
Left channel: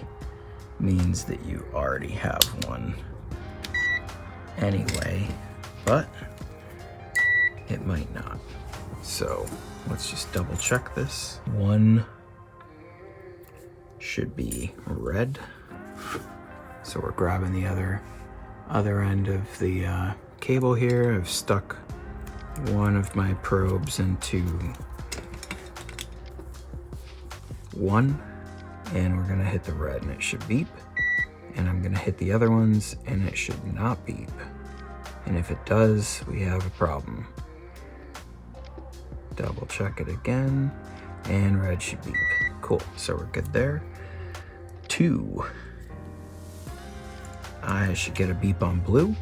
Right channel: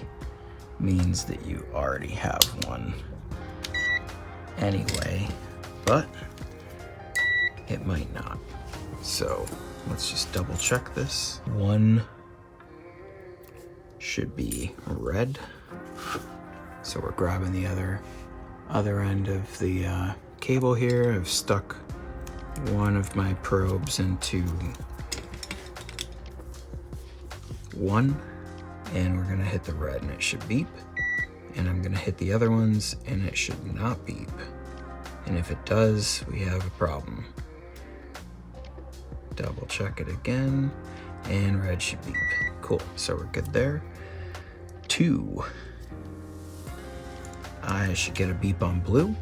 means that you already have one anyway, but it might not. So let's just double check this. One should be red. So we're grabbing the other end of the cable here. I've stuck one of my probes into one, and we're gonna hit the red and it should beep. And I'm gonna hit the other ones and it should not beep. And if it does, we have a problem. Double check it again, and red should beep. Cool, so we're good there. 2. I should get a beep on blue.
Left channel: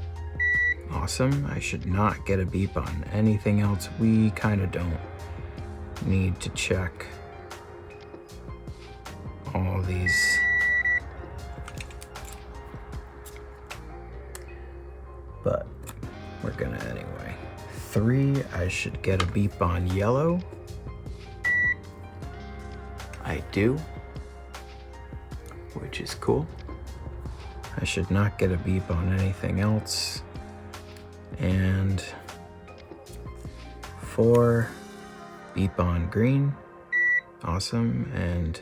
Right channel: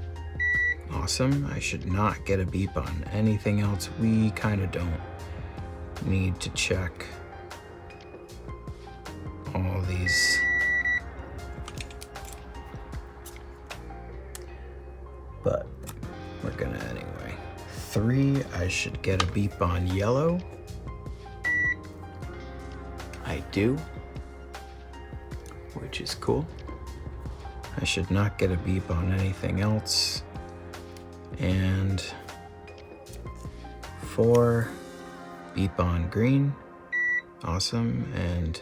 Awesome. I should not get a beep on anything else. We kind of don't need to check all these. But we're gonna anyway. 3, I should get a beep on yellow. I do, which is cool. I should not get a beep on anything else. And 4, beep on green. Awesome. And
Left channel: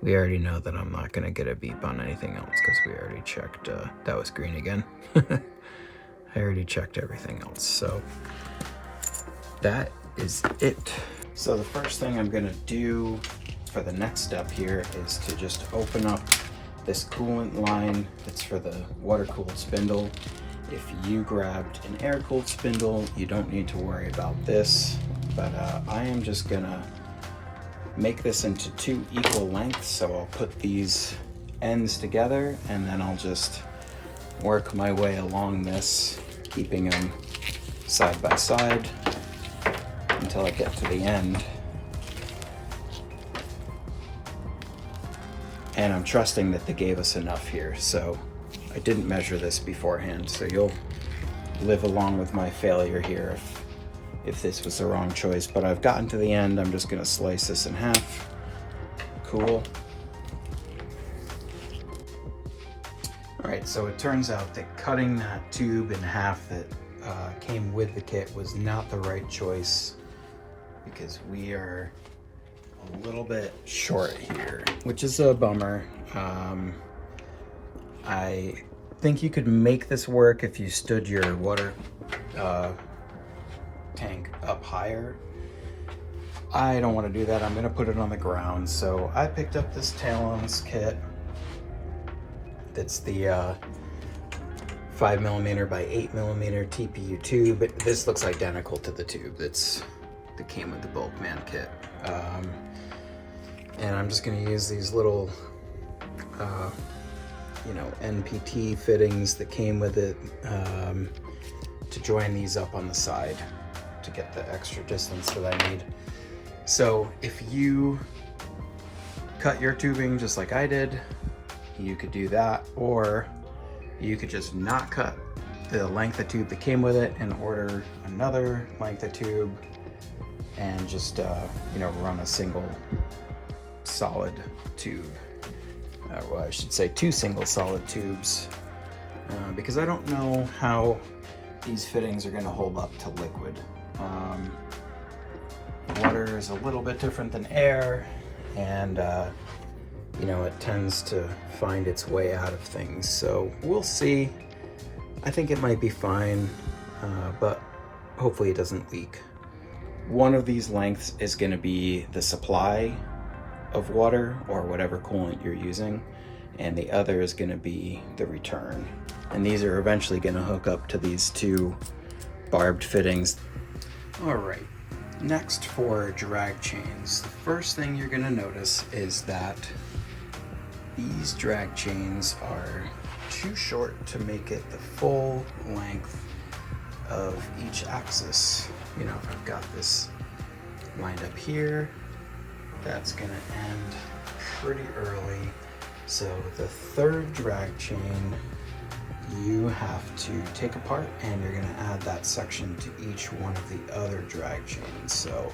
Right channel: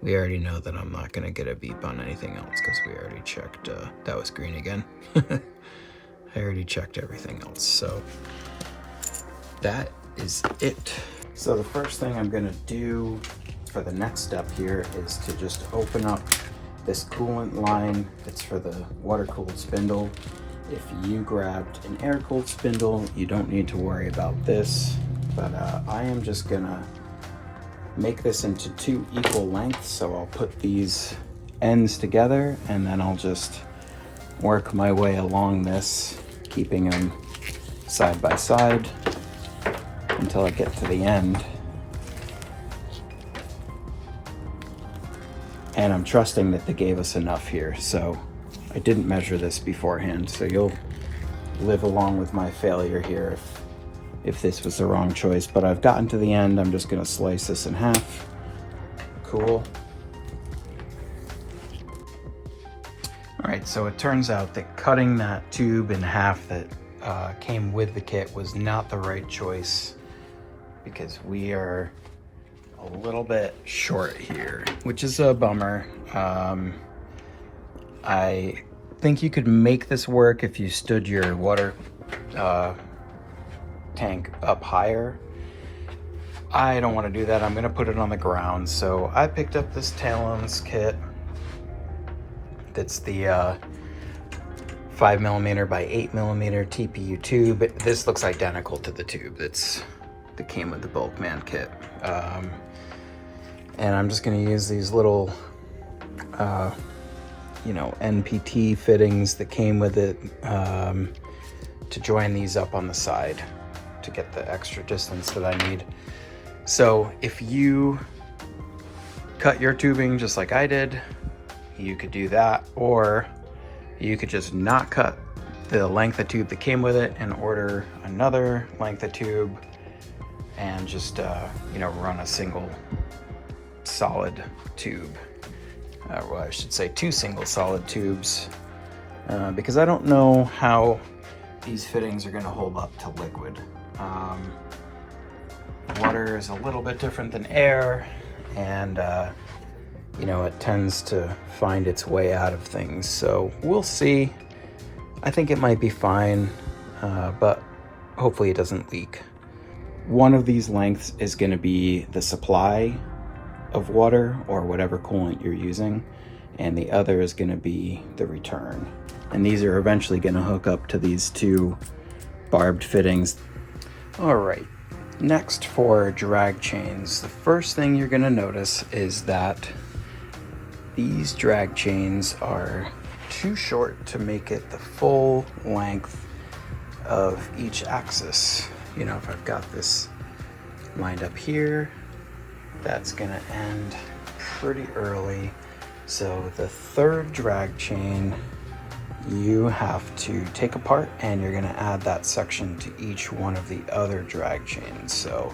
we already know that I'm not gonna get a beep on anything else because we already checked, that was green again. I already checked everything else, so that is it. So the first thing I'm gonna do for the next step here is to just open up this coolant line. It's for the water-cooled spindle. If you grabbed an air-cooled spindle, you don't need to worry about this, but I am just gonna make this into 2 equal lengths, so I'll put these ends together and then I'll just work my way along this, keeping them side by side until I get to the end. And I'm trusting that they gave us enough here, so I didn't measure this beforehand, so you'll live along with my failure here if this was the wrong choice. But I've gotten to the end. I'm just gonna slice this in half. Cool. All right, so it turns out that cutting that tube in half that came with the kit was not the right choice because we are a little bit short here, which is a bummer. think you could make this work if you stood your water tank up higher. I don't want to do that. I'm going to put it on the ground. So I picked up this talons kit. That's the 5mm by 8mm TPU tube. This looks identical to the tube that came with the BulkMan kit. And I'm just going to use these little, you know, NPT fittings that came with it to join these up on the side to get the extra distance that I need. So if you cut your tubing just like I did, you could do that, or you could just not cut the length of tube that came with it and order another length of tube and just, you know, run a single solid tube. Well, I should say 2 single solid tubes, because I don't know how these fittings are going to hold up to liquid. Water is a little bit different than air, and you know, it tends to find its way out of things. So we'll see. I think it might be fine, but hopefully it doesn't leak. One of these lengths is going to be the supply of water or whatever coolant you're using, and the other is going to be the return. And these are eventually going to hook up to these 2 barbed fittings. All right, next for drag chains, the first thing you're going to notice is that these drag chains are too short to make it the full length of each axis. You know, if I've got this lined up here, that's gonna end pretty early. So the 3rd drag chain, you have to take apart, and you're gonna add that section to each one of the other drag chains. So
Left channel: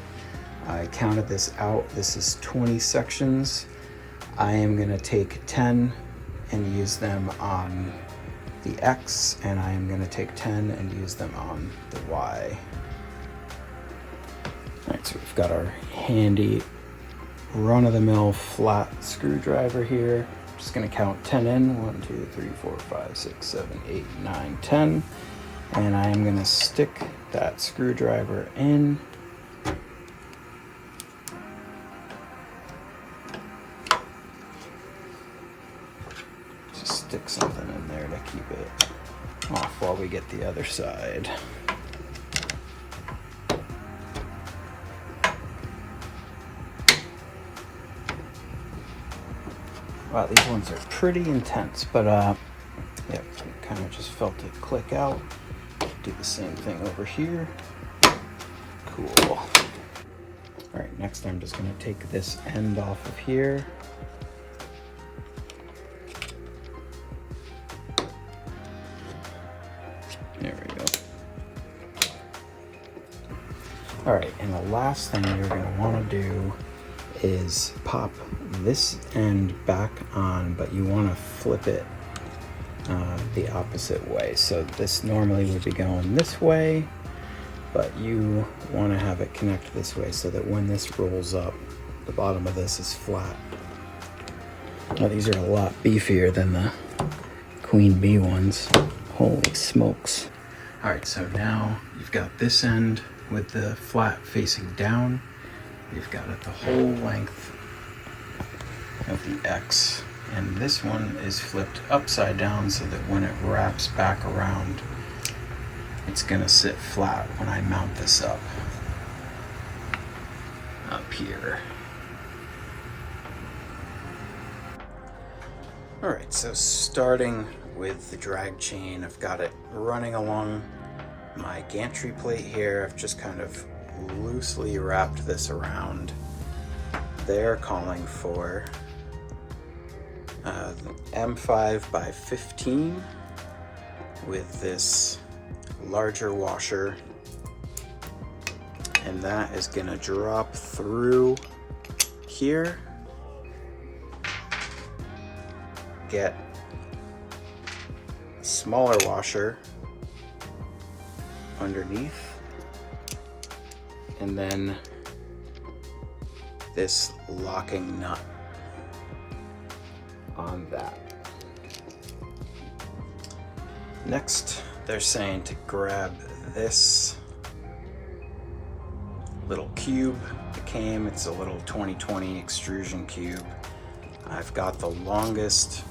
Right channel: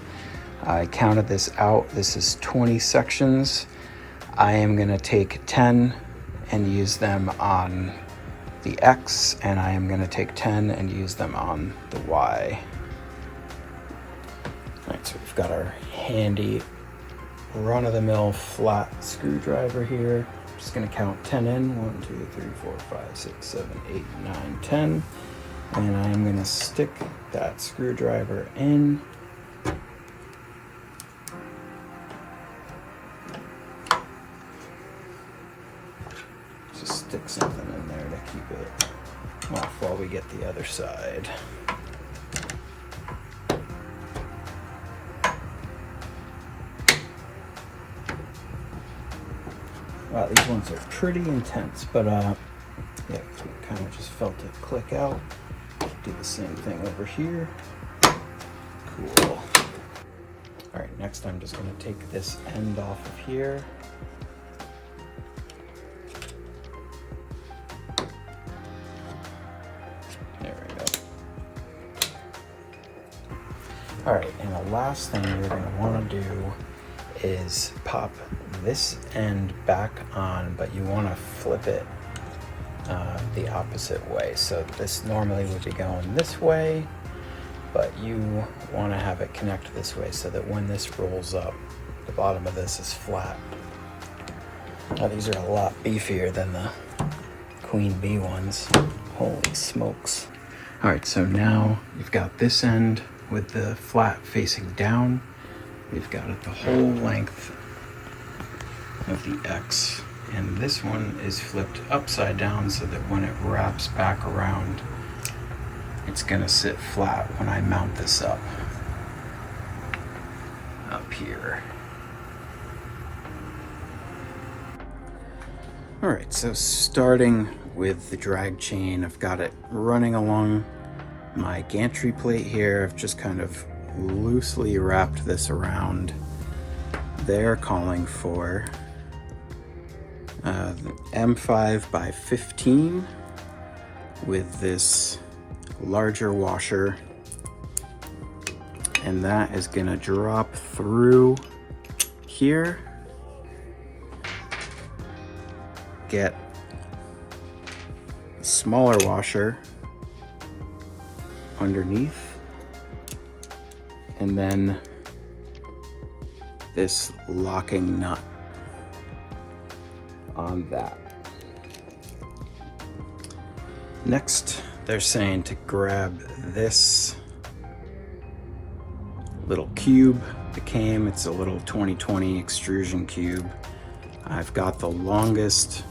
I counted this out. This is 20 sections. I am gonna take 10 and use them on the X, and I am gonna take 10 and use them on the Y. All right, so we've got our handy run-of-the-mill flat screwdriver here. I'm just gonna count 10 in. 1, 2, 3, 4, 5, 6, 7, 8, 9, 10. And I am gonna stick that screwdriver in. Just stick something in there to keep it off while we get the other side. Wow, these ones are pretty intense, but yeah, kind of just felt it click out. Do the same thing over here. Cool. All right, next I'm just gonna take this end off of here. There we go. All right, and the last thing you're gonna wanna do is pop this end back on, but you want to flip it the opposite way. So this normally would be going this way, but you want to have it connect this way so that when this rolls up, the bottom of this is flat. Well, these are a lot beefier than the Queen Bee ones. Holy smokes. All right, so now you've got this end with the flat facing down. We've got it the whole length of the X, and this one is flipped upside down so that when it wraps back around, it's gonna sit flat when I mount this up here. All right, so starting with the drag chain, I've got it running along my gantry plate here. I've just kind of loosely wrapped this around. They're calling for M5 by 15 with this larger washer, and that is gonna drop through here, get a smaller washer underneath, and then this locking nut on that. Next, they're saying to grab this little cube that came. It's a little 2020 extrusion cube. I've got the longest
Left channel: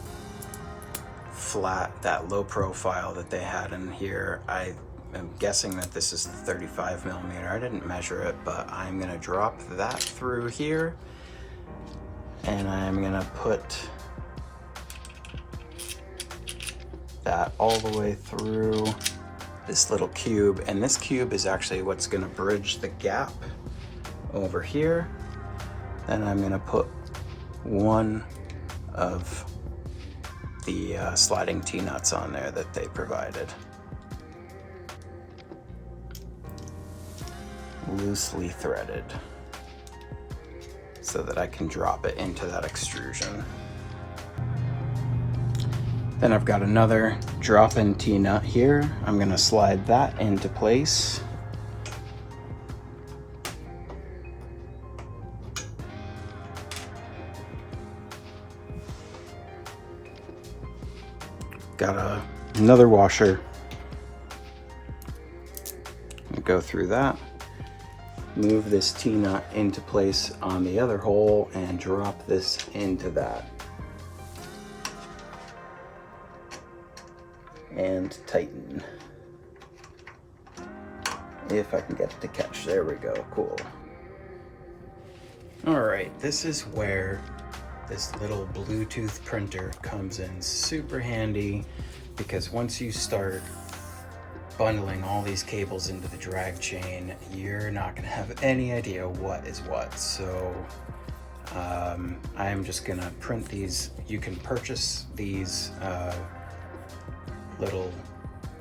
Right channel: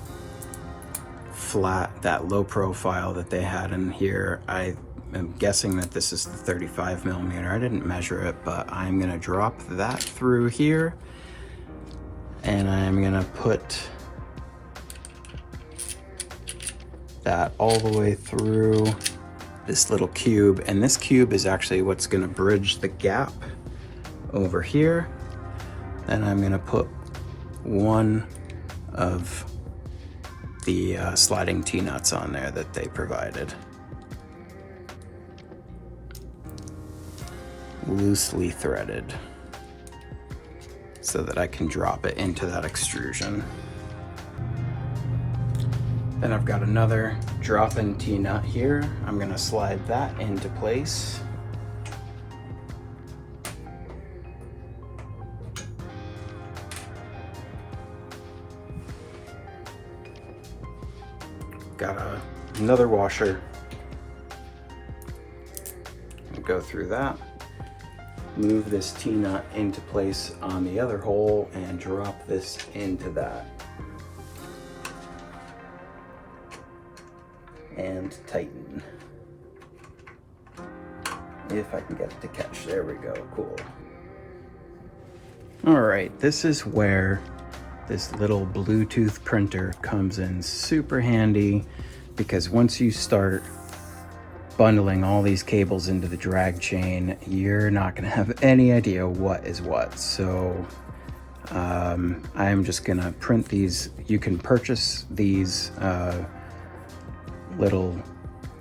flat, that low profile that they had in here. I am guessing that this is the 35 millimeter. I didn't measure it, but I'm gonna drop that through here, and I'm gonna put that all the way through this little cube, and this cube is actually what's gonna bridge the gap over here. And I'm gonna put one of the sliding T-nuts on there that they provided. Loosely threaded, so that I can drop it into that extrusion. Then I've got another drop-in T-nut here. I'm gonna slide that into place. Got another washer. Go through that. Move this T-nut into place on the other hole and drop this into that. And tighten. If I can get it to catch. There we go. Cool. Alright, this is where this little Bluetooth printer comes in super handy, because once you start bundling all these cables into the drag chain, you're not going to have any idea what is what. So I'm just going to print these. You can purchase these little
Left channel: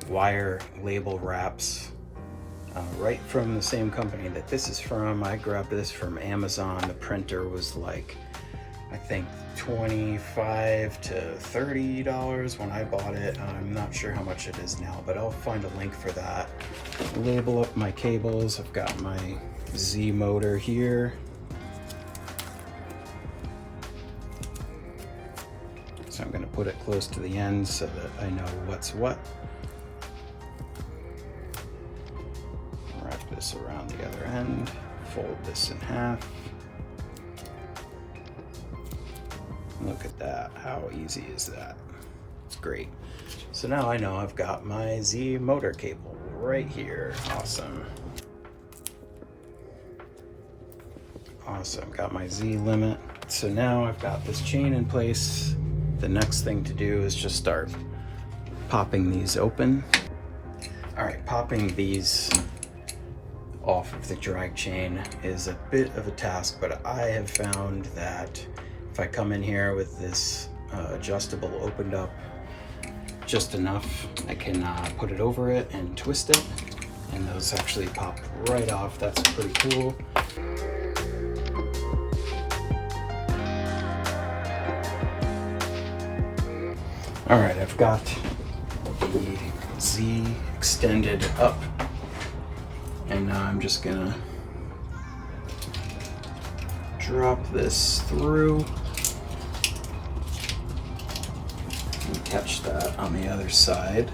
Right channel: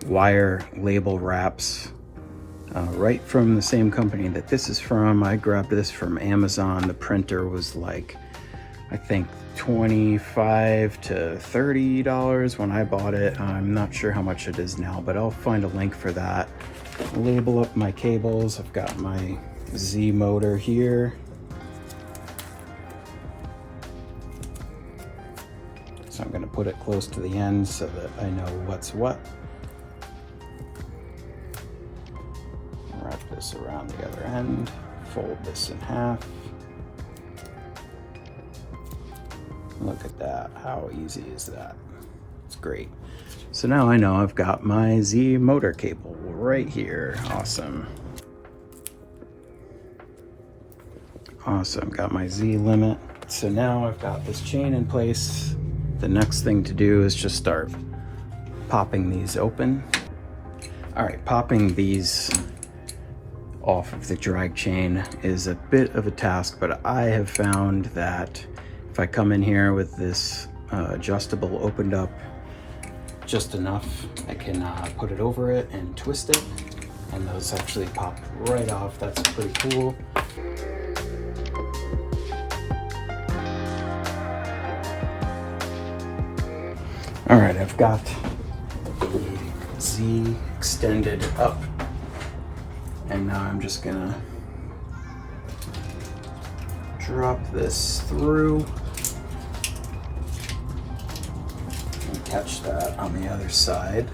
wire label wraps right from the same company that this is from. I grabbed this from Amazon. The printer was like, I think $25 to $30 when I bought it. I'm not sure how much it is now, but I'll find a link for that. Label up my cables. I've got my Z motor here. So I'm going to put it close to the end so that I know what's what. Wrap this around the other end. Fold this in half. Look at that, how easy is that? It's great. So now I know I've got my Z motor cable right here. Awesome. Awesome, got my Z limit. So now I've got this chain in place. The next thing to do is just start popping these open. All right, popping these off of the drag chain is a bit of a task, but I have found that if I come in here with this adjustable opened up just enough, I can put it over it and twist it, and those actually pop right off. That's pretty cool. All right, I've got the Z extended up, and now I'm just gonna drop this through and catch that on the other side.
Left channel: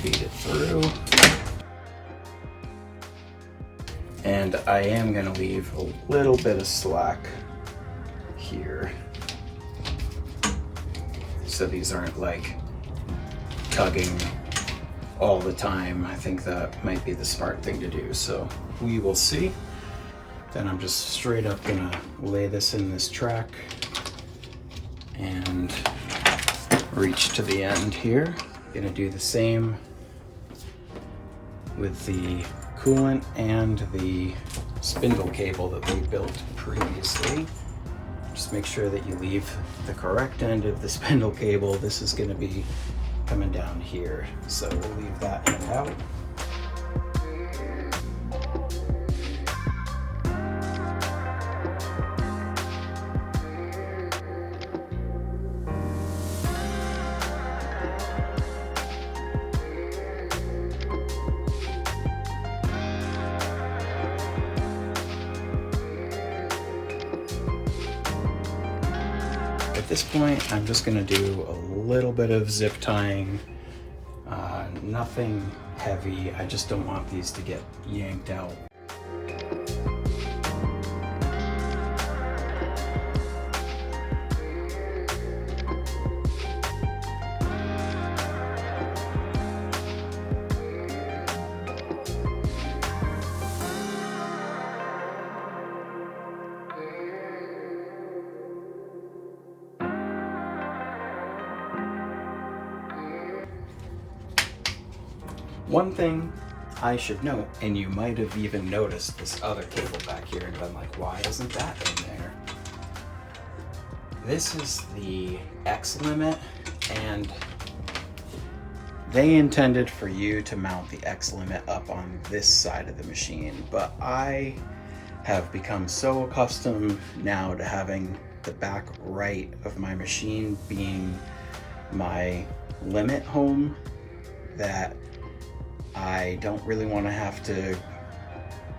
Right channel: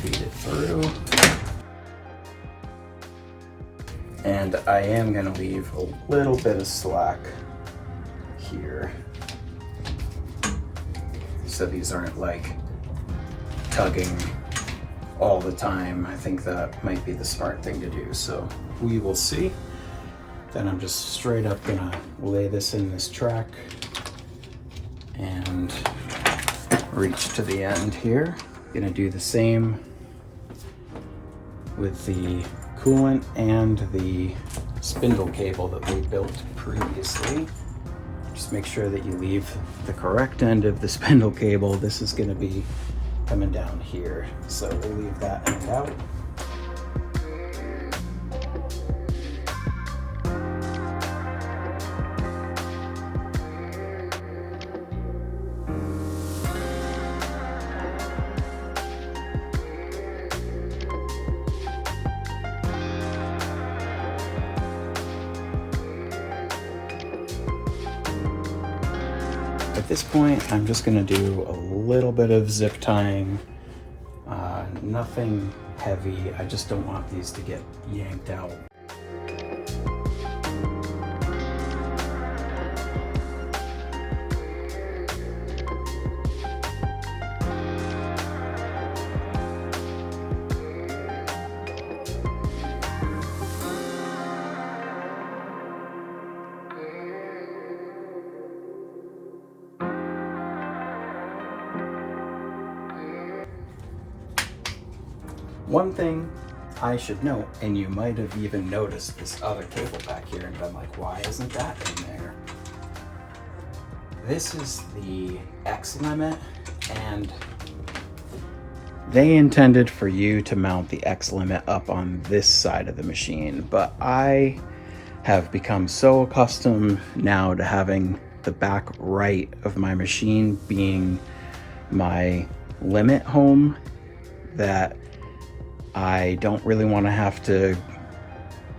Feed it through. And I am going to leave a little bit of slack here, so these aren't like tugging all the time. I think that might be the smart thing to do, so we will see. Then I'm just straight up gonna lay this in this track and reach to the end here. Gonna do the same with the coolant and the spindle cable that we built previously. Just make sure that you leave the correct end of the spindle cable. This is gonna be coming down here, so we'll leave that end out. At this point, I'm just gonna do a little bit of zip tying, nothing heavy. I just don't want these to get yanked out. One thing I should note, and you might have even noticed this other cable back here and been like, why isn't that in there? This is the X limit, and they intended for you to mount the X limit up on this side of the machine, but I have become so accustomed now to having the back right of my machine being my limit home that I don't really want to have to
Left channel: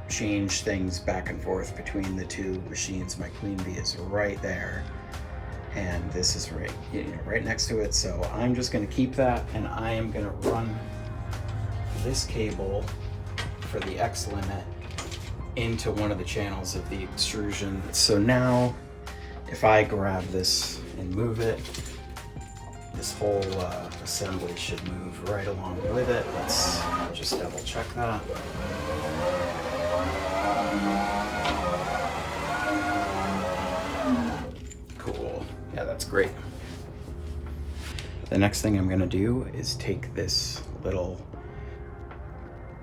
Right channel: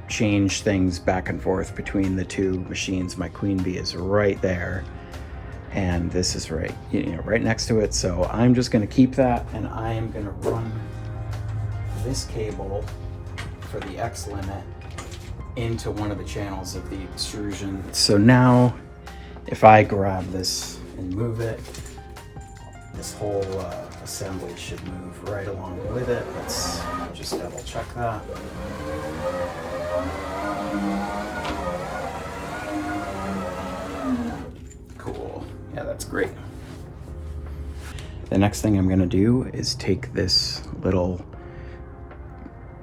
change things back and forth between the two machines. My Queen Bee is right there, and this is right, right next to it. So I'm just going to keep that, and I am going to run this cable for the X limit into one of the channels of the extrusion. So now, if I grab this and move it, this whole assembly should move right along with it. Let's just double check that. Cool, yeah, that's great. The next thing I'm gonna do is take this little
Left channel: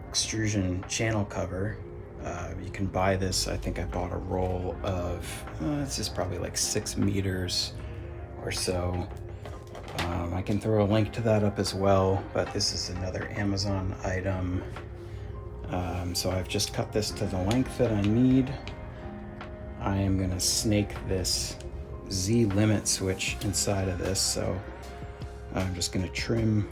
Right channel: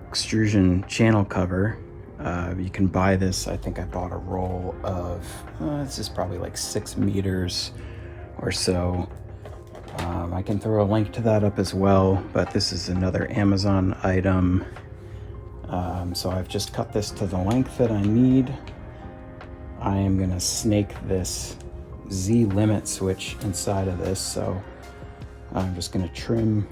extrusion channel cover. You can buy this, I think I bought a roll of, this is probably like 6 meters or so. I can throw a link to that up as well, but this is another Amazon item. So I've just cut this to the length that I need. I am going to snake this Z limit switch inside of this, so I'm just going to trim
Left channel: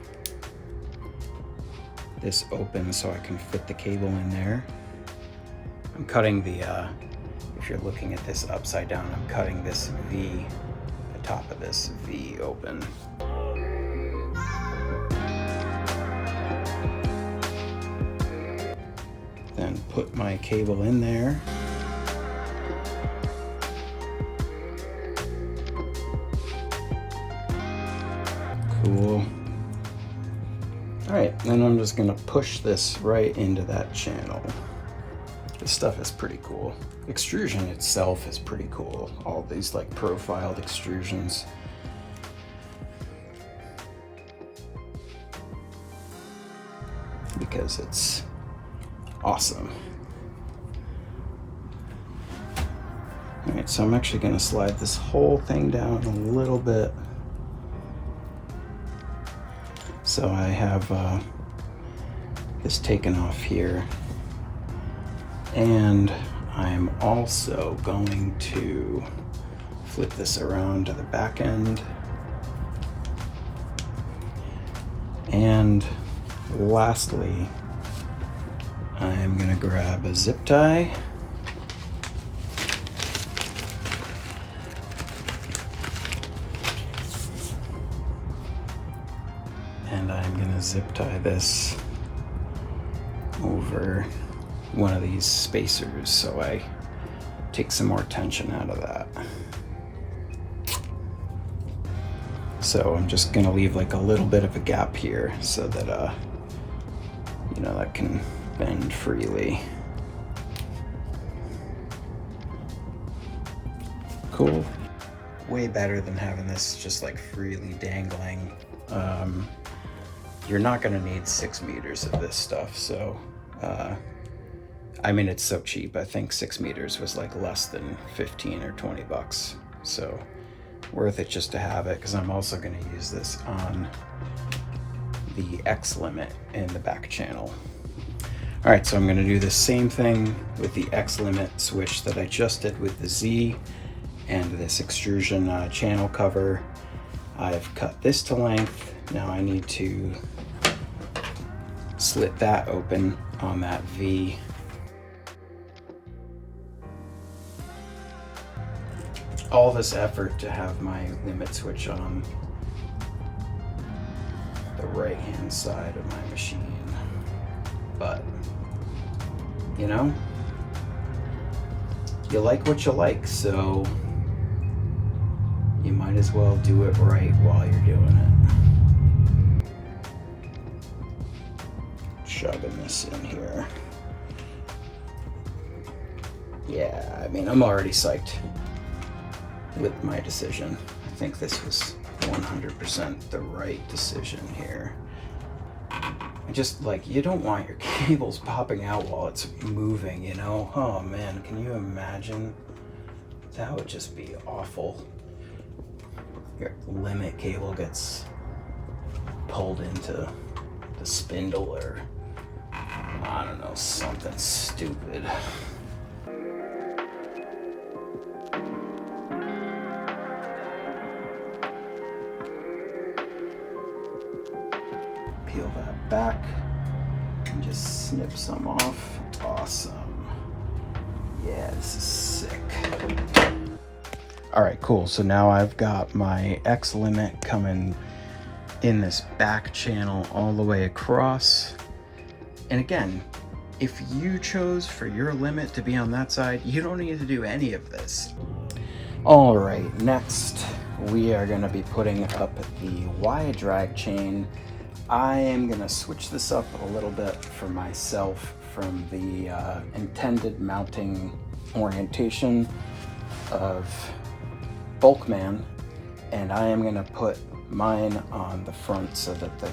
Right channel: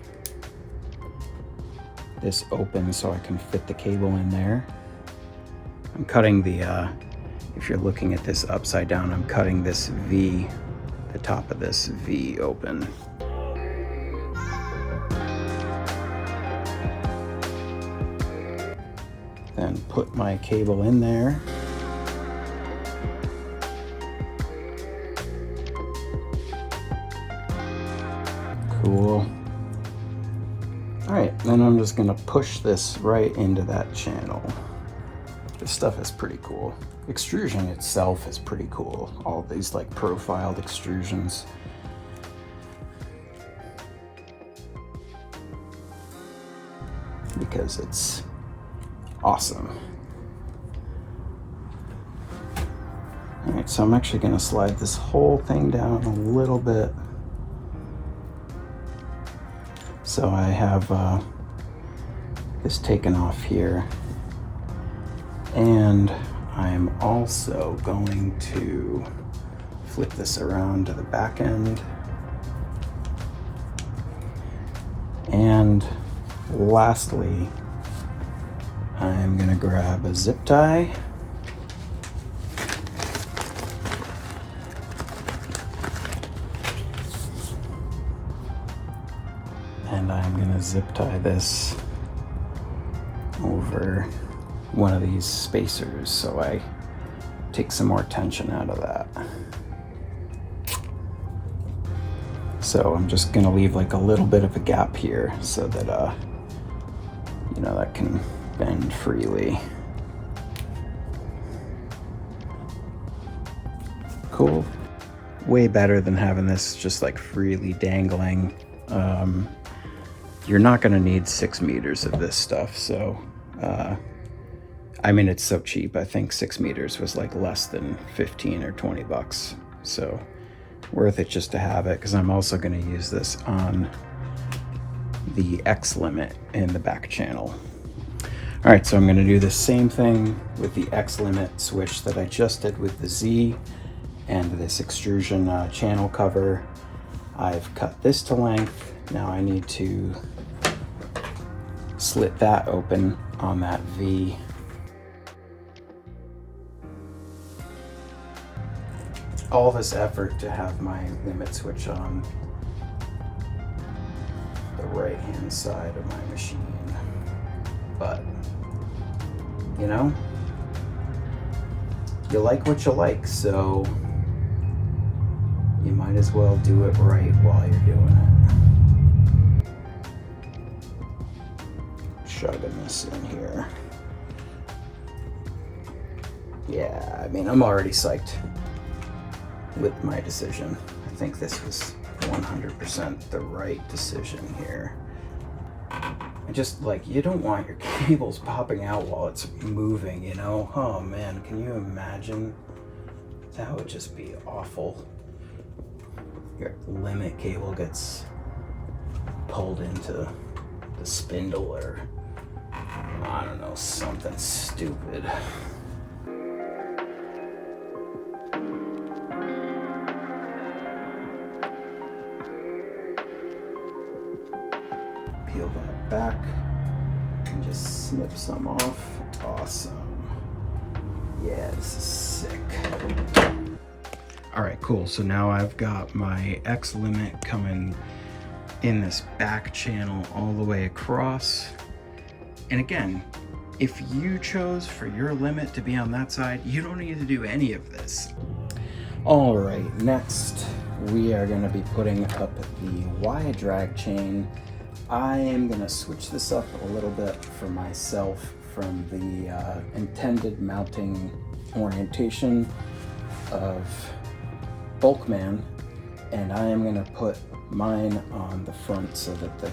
this open so I can fit the cable in there. I'm cutting the, if you're looking at this upside down, I'm cutting this V, the top of this V open. Then put my cable in there. Cool. All right, then I'm just gonna push this right into that channel. This stuff is pretty cool. Extrusion itself is pretty cool. All these like profiled extrusions. Because it's awesome. All right, so I'm actually gonna slide this whole thing down a little bit. So I have this taken off here. And I'm also going to flip this around to the back end. And lastly, I'm going to grab a zip tie. And I'm going to zip tie this over one of these spacers so I take some more tension out of that. So I'm just gonna leave like a little bit of a gap here so that you know, that can bend freely. Cool. Way better than having this just like freely dangling. You're not gonna need 6 meters of this stuff, so I mean, it's so cheap. I think 6 meters was like less than 15 or 20 bucks. So worth it just to have it, because I'm also going to use this on the X limit in the back channel. All right, so I'm going to do the same thing with the X limit switch that I just did with the Z and this extrusion channel cover. I've cut this to length. Now I need to slit that open on that V. all this effort to have my limit switch on the right hand side of my machine. But, you know, you like what you like, so you might as well do it right while you're doing it. Shoving this in here. Yeah, I mean, I'm already psyched with my decision. I think this was 100% the right decision here. I just, like, you don't want your cables popping out while it's moving, you know? Oh man, can you imagine? That would just be awful. Your limit cable gets pulled into the spindle or, I don't know, something stupid. Peel that back and just snip some off. Awesome. Yeah, this is sick. All right, cool. So now I've got my X limit coming in this back channel all the way across. And again, if you chose for your limit to be on that side, you don't need to do any of this. All right, next we are going to be putting up the Y drag chain. I am going to switch this up a little bit for myself from the intended mounting orientation of BulkMan, and I am going to put mine on the front so that the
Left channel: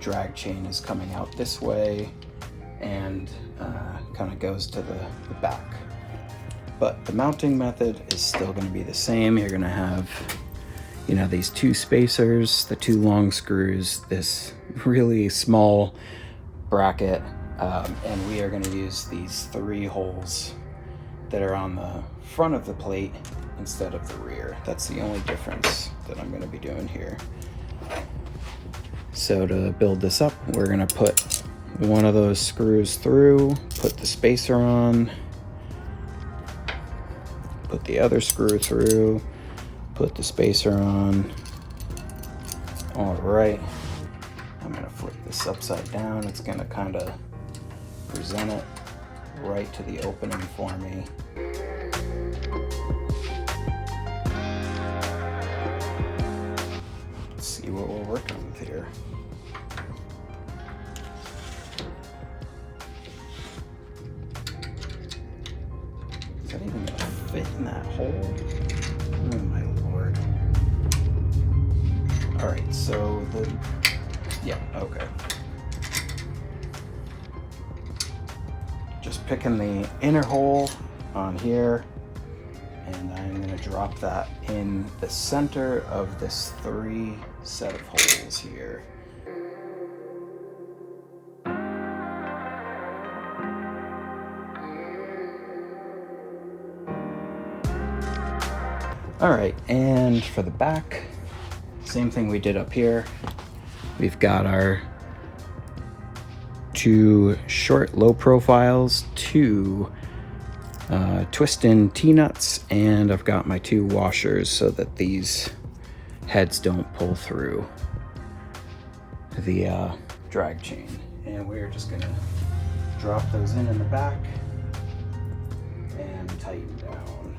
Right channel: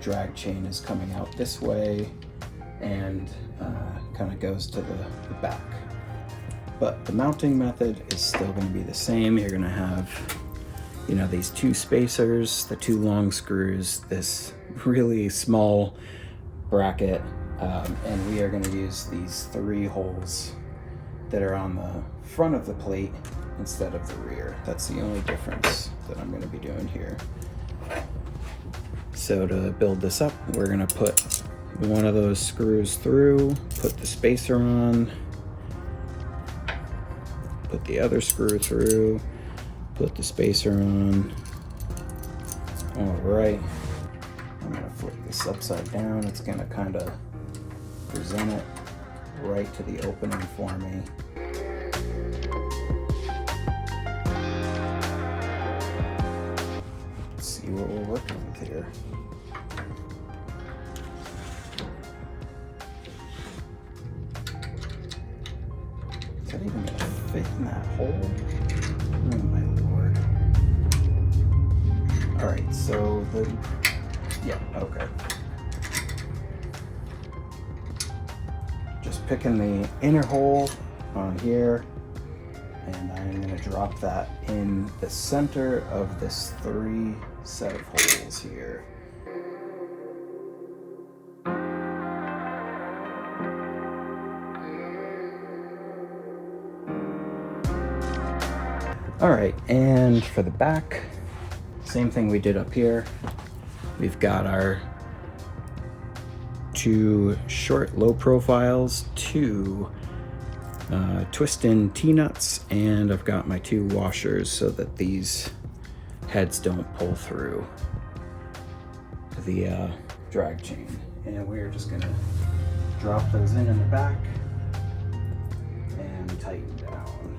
drag chain is coming out this way and kind of goes to the back. But the mounting method is still going to be the same. You're going to have, you know, these two spacers, the two long screws, this really small bracket, and we are going to use these 3 holes that are on the front of the plate instead of the rear. That's the only difference that I'm going to be doing here. So to build this up, we're going to put one of those screws through, put the spacer on, put the other screw through, put the spacer on. All right, I'm going to flip this upside down. It's going to kind of present it right to the opening for me. Let's see what we're working with here. Is that even going to fit in that hole? Oh my lord. All right, so yeah, okay. Just picking the inner hole on here, and I'm going to drop that in the center of this 3 set of holes here. All right, and for the back, same thing we did up here. We've got our 2 short low profiles, 2 twist-in T-nuts, and I've got my 2 washers so that these heads don't pull through the drag chain. And we're just gonna drop those in the back and tighten down.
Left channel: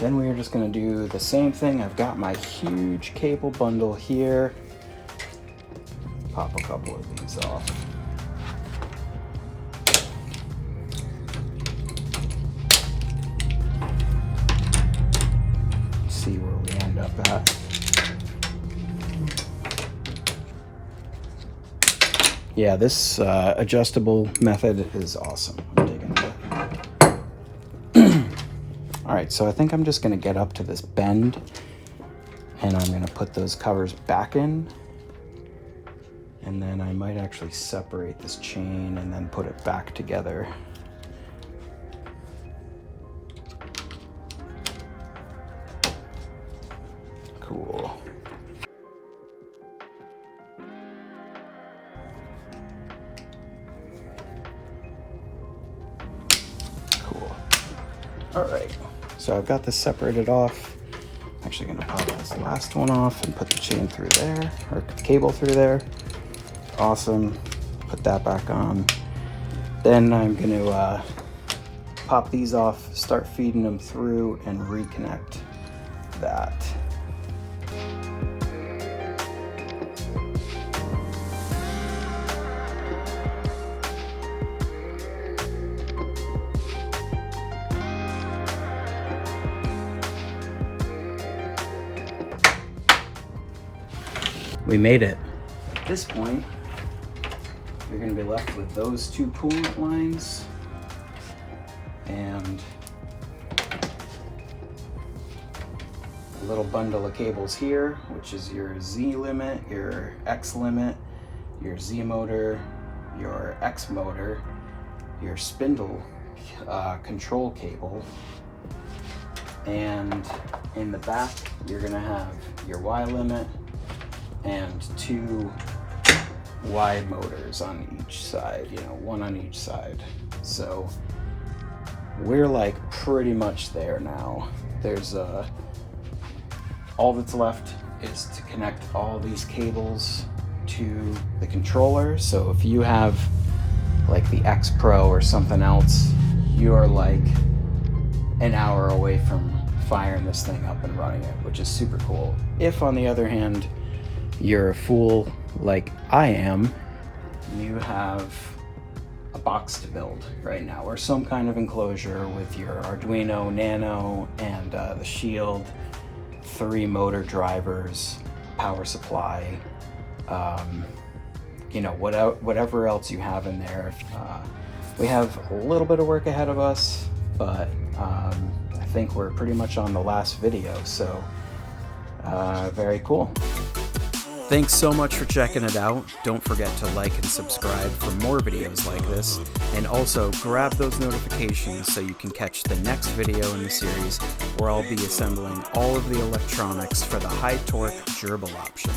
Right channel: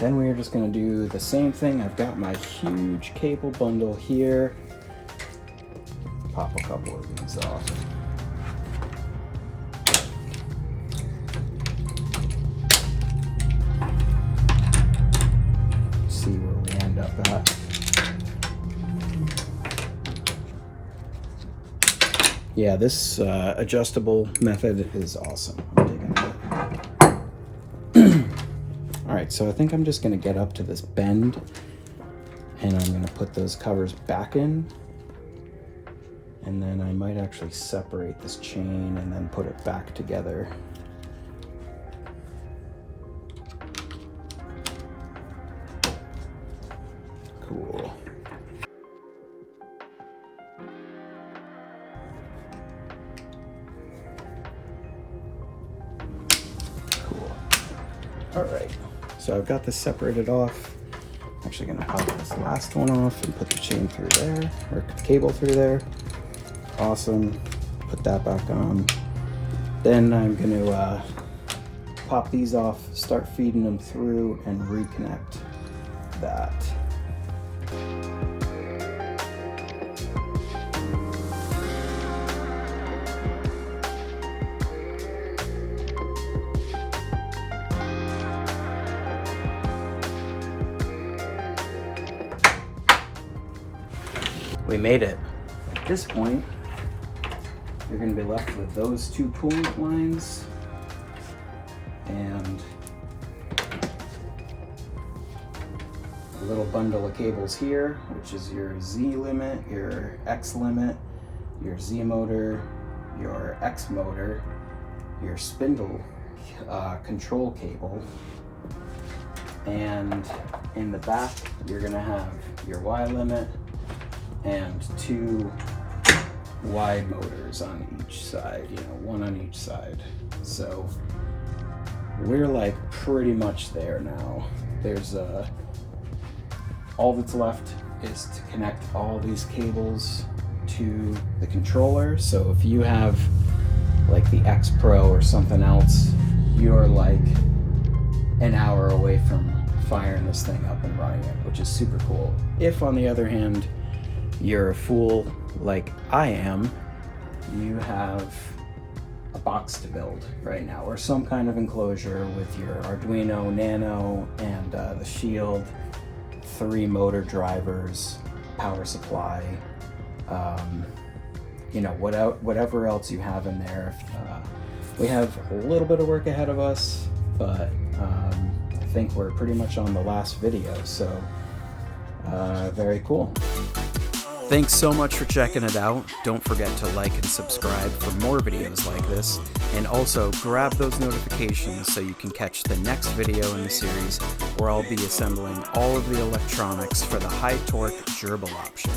Then we're just going to do the same thing. I've got my huge cable bundle here. Pop a couple of these off. See where we end up at. Yeah, this adjustable method is awesome. I'm digging it. All right, so I think I'm just gonna get up to this bend and I'm gonna put those covers back in, and then I might actually separate this chain and then put it back together. Cool. All right, so I've got this separated off. I'm actually gonna pop this last one off and put the chain through there, or cable through there. Awesome, put that back on. Then I'm gonna pop these off, start feeding them through, and reconnect that. We made it. At this point, you're going to be left with those two coolant lines and a little bundle of cables here, which is your Z limit, your X limit, your Z motor, your X motor, your spindle control cable, and in the back you're going to have your Y limit and two Y motors on each side, you know, one on each side. So we're like pretty much there now. There's all that's left is to connect all these cables to the controller. So if you have like the X Pro or something else, you're like an hour away from firing this thing up and running it, which is super cool. If on the other hand you're a fool like I am, you have a box to build right now, or some kind of enclosure with your Arduino Nano and the Shield, 3 motor drivers, power supply, you know, whatever else you have in there. We have a little bit of work ahead of us, but I think we're pretty much on the last video, so very cool. Thanks so much for checking it out. Don't forget to like and subscribe for more videos like this, and also grab those notifications so you can catch the next video in the series where I'll be assembling all of the electronics for the high torque gerbil option.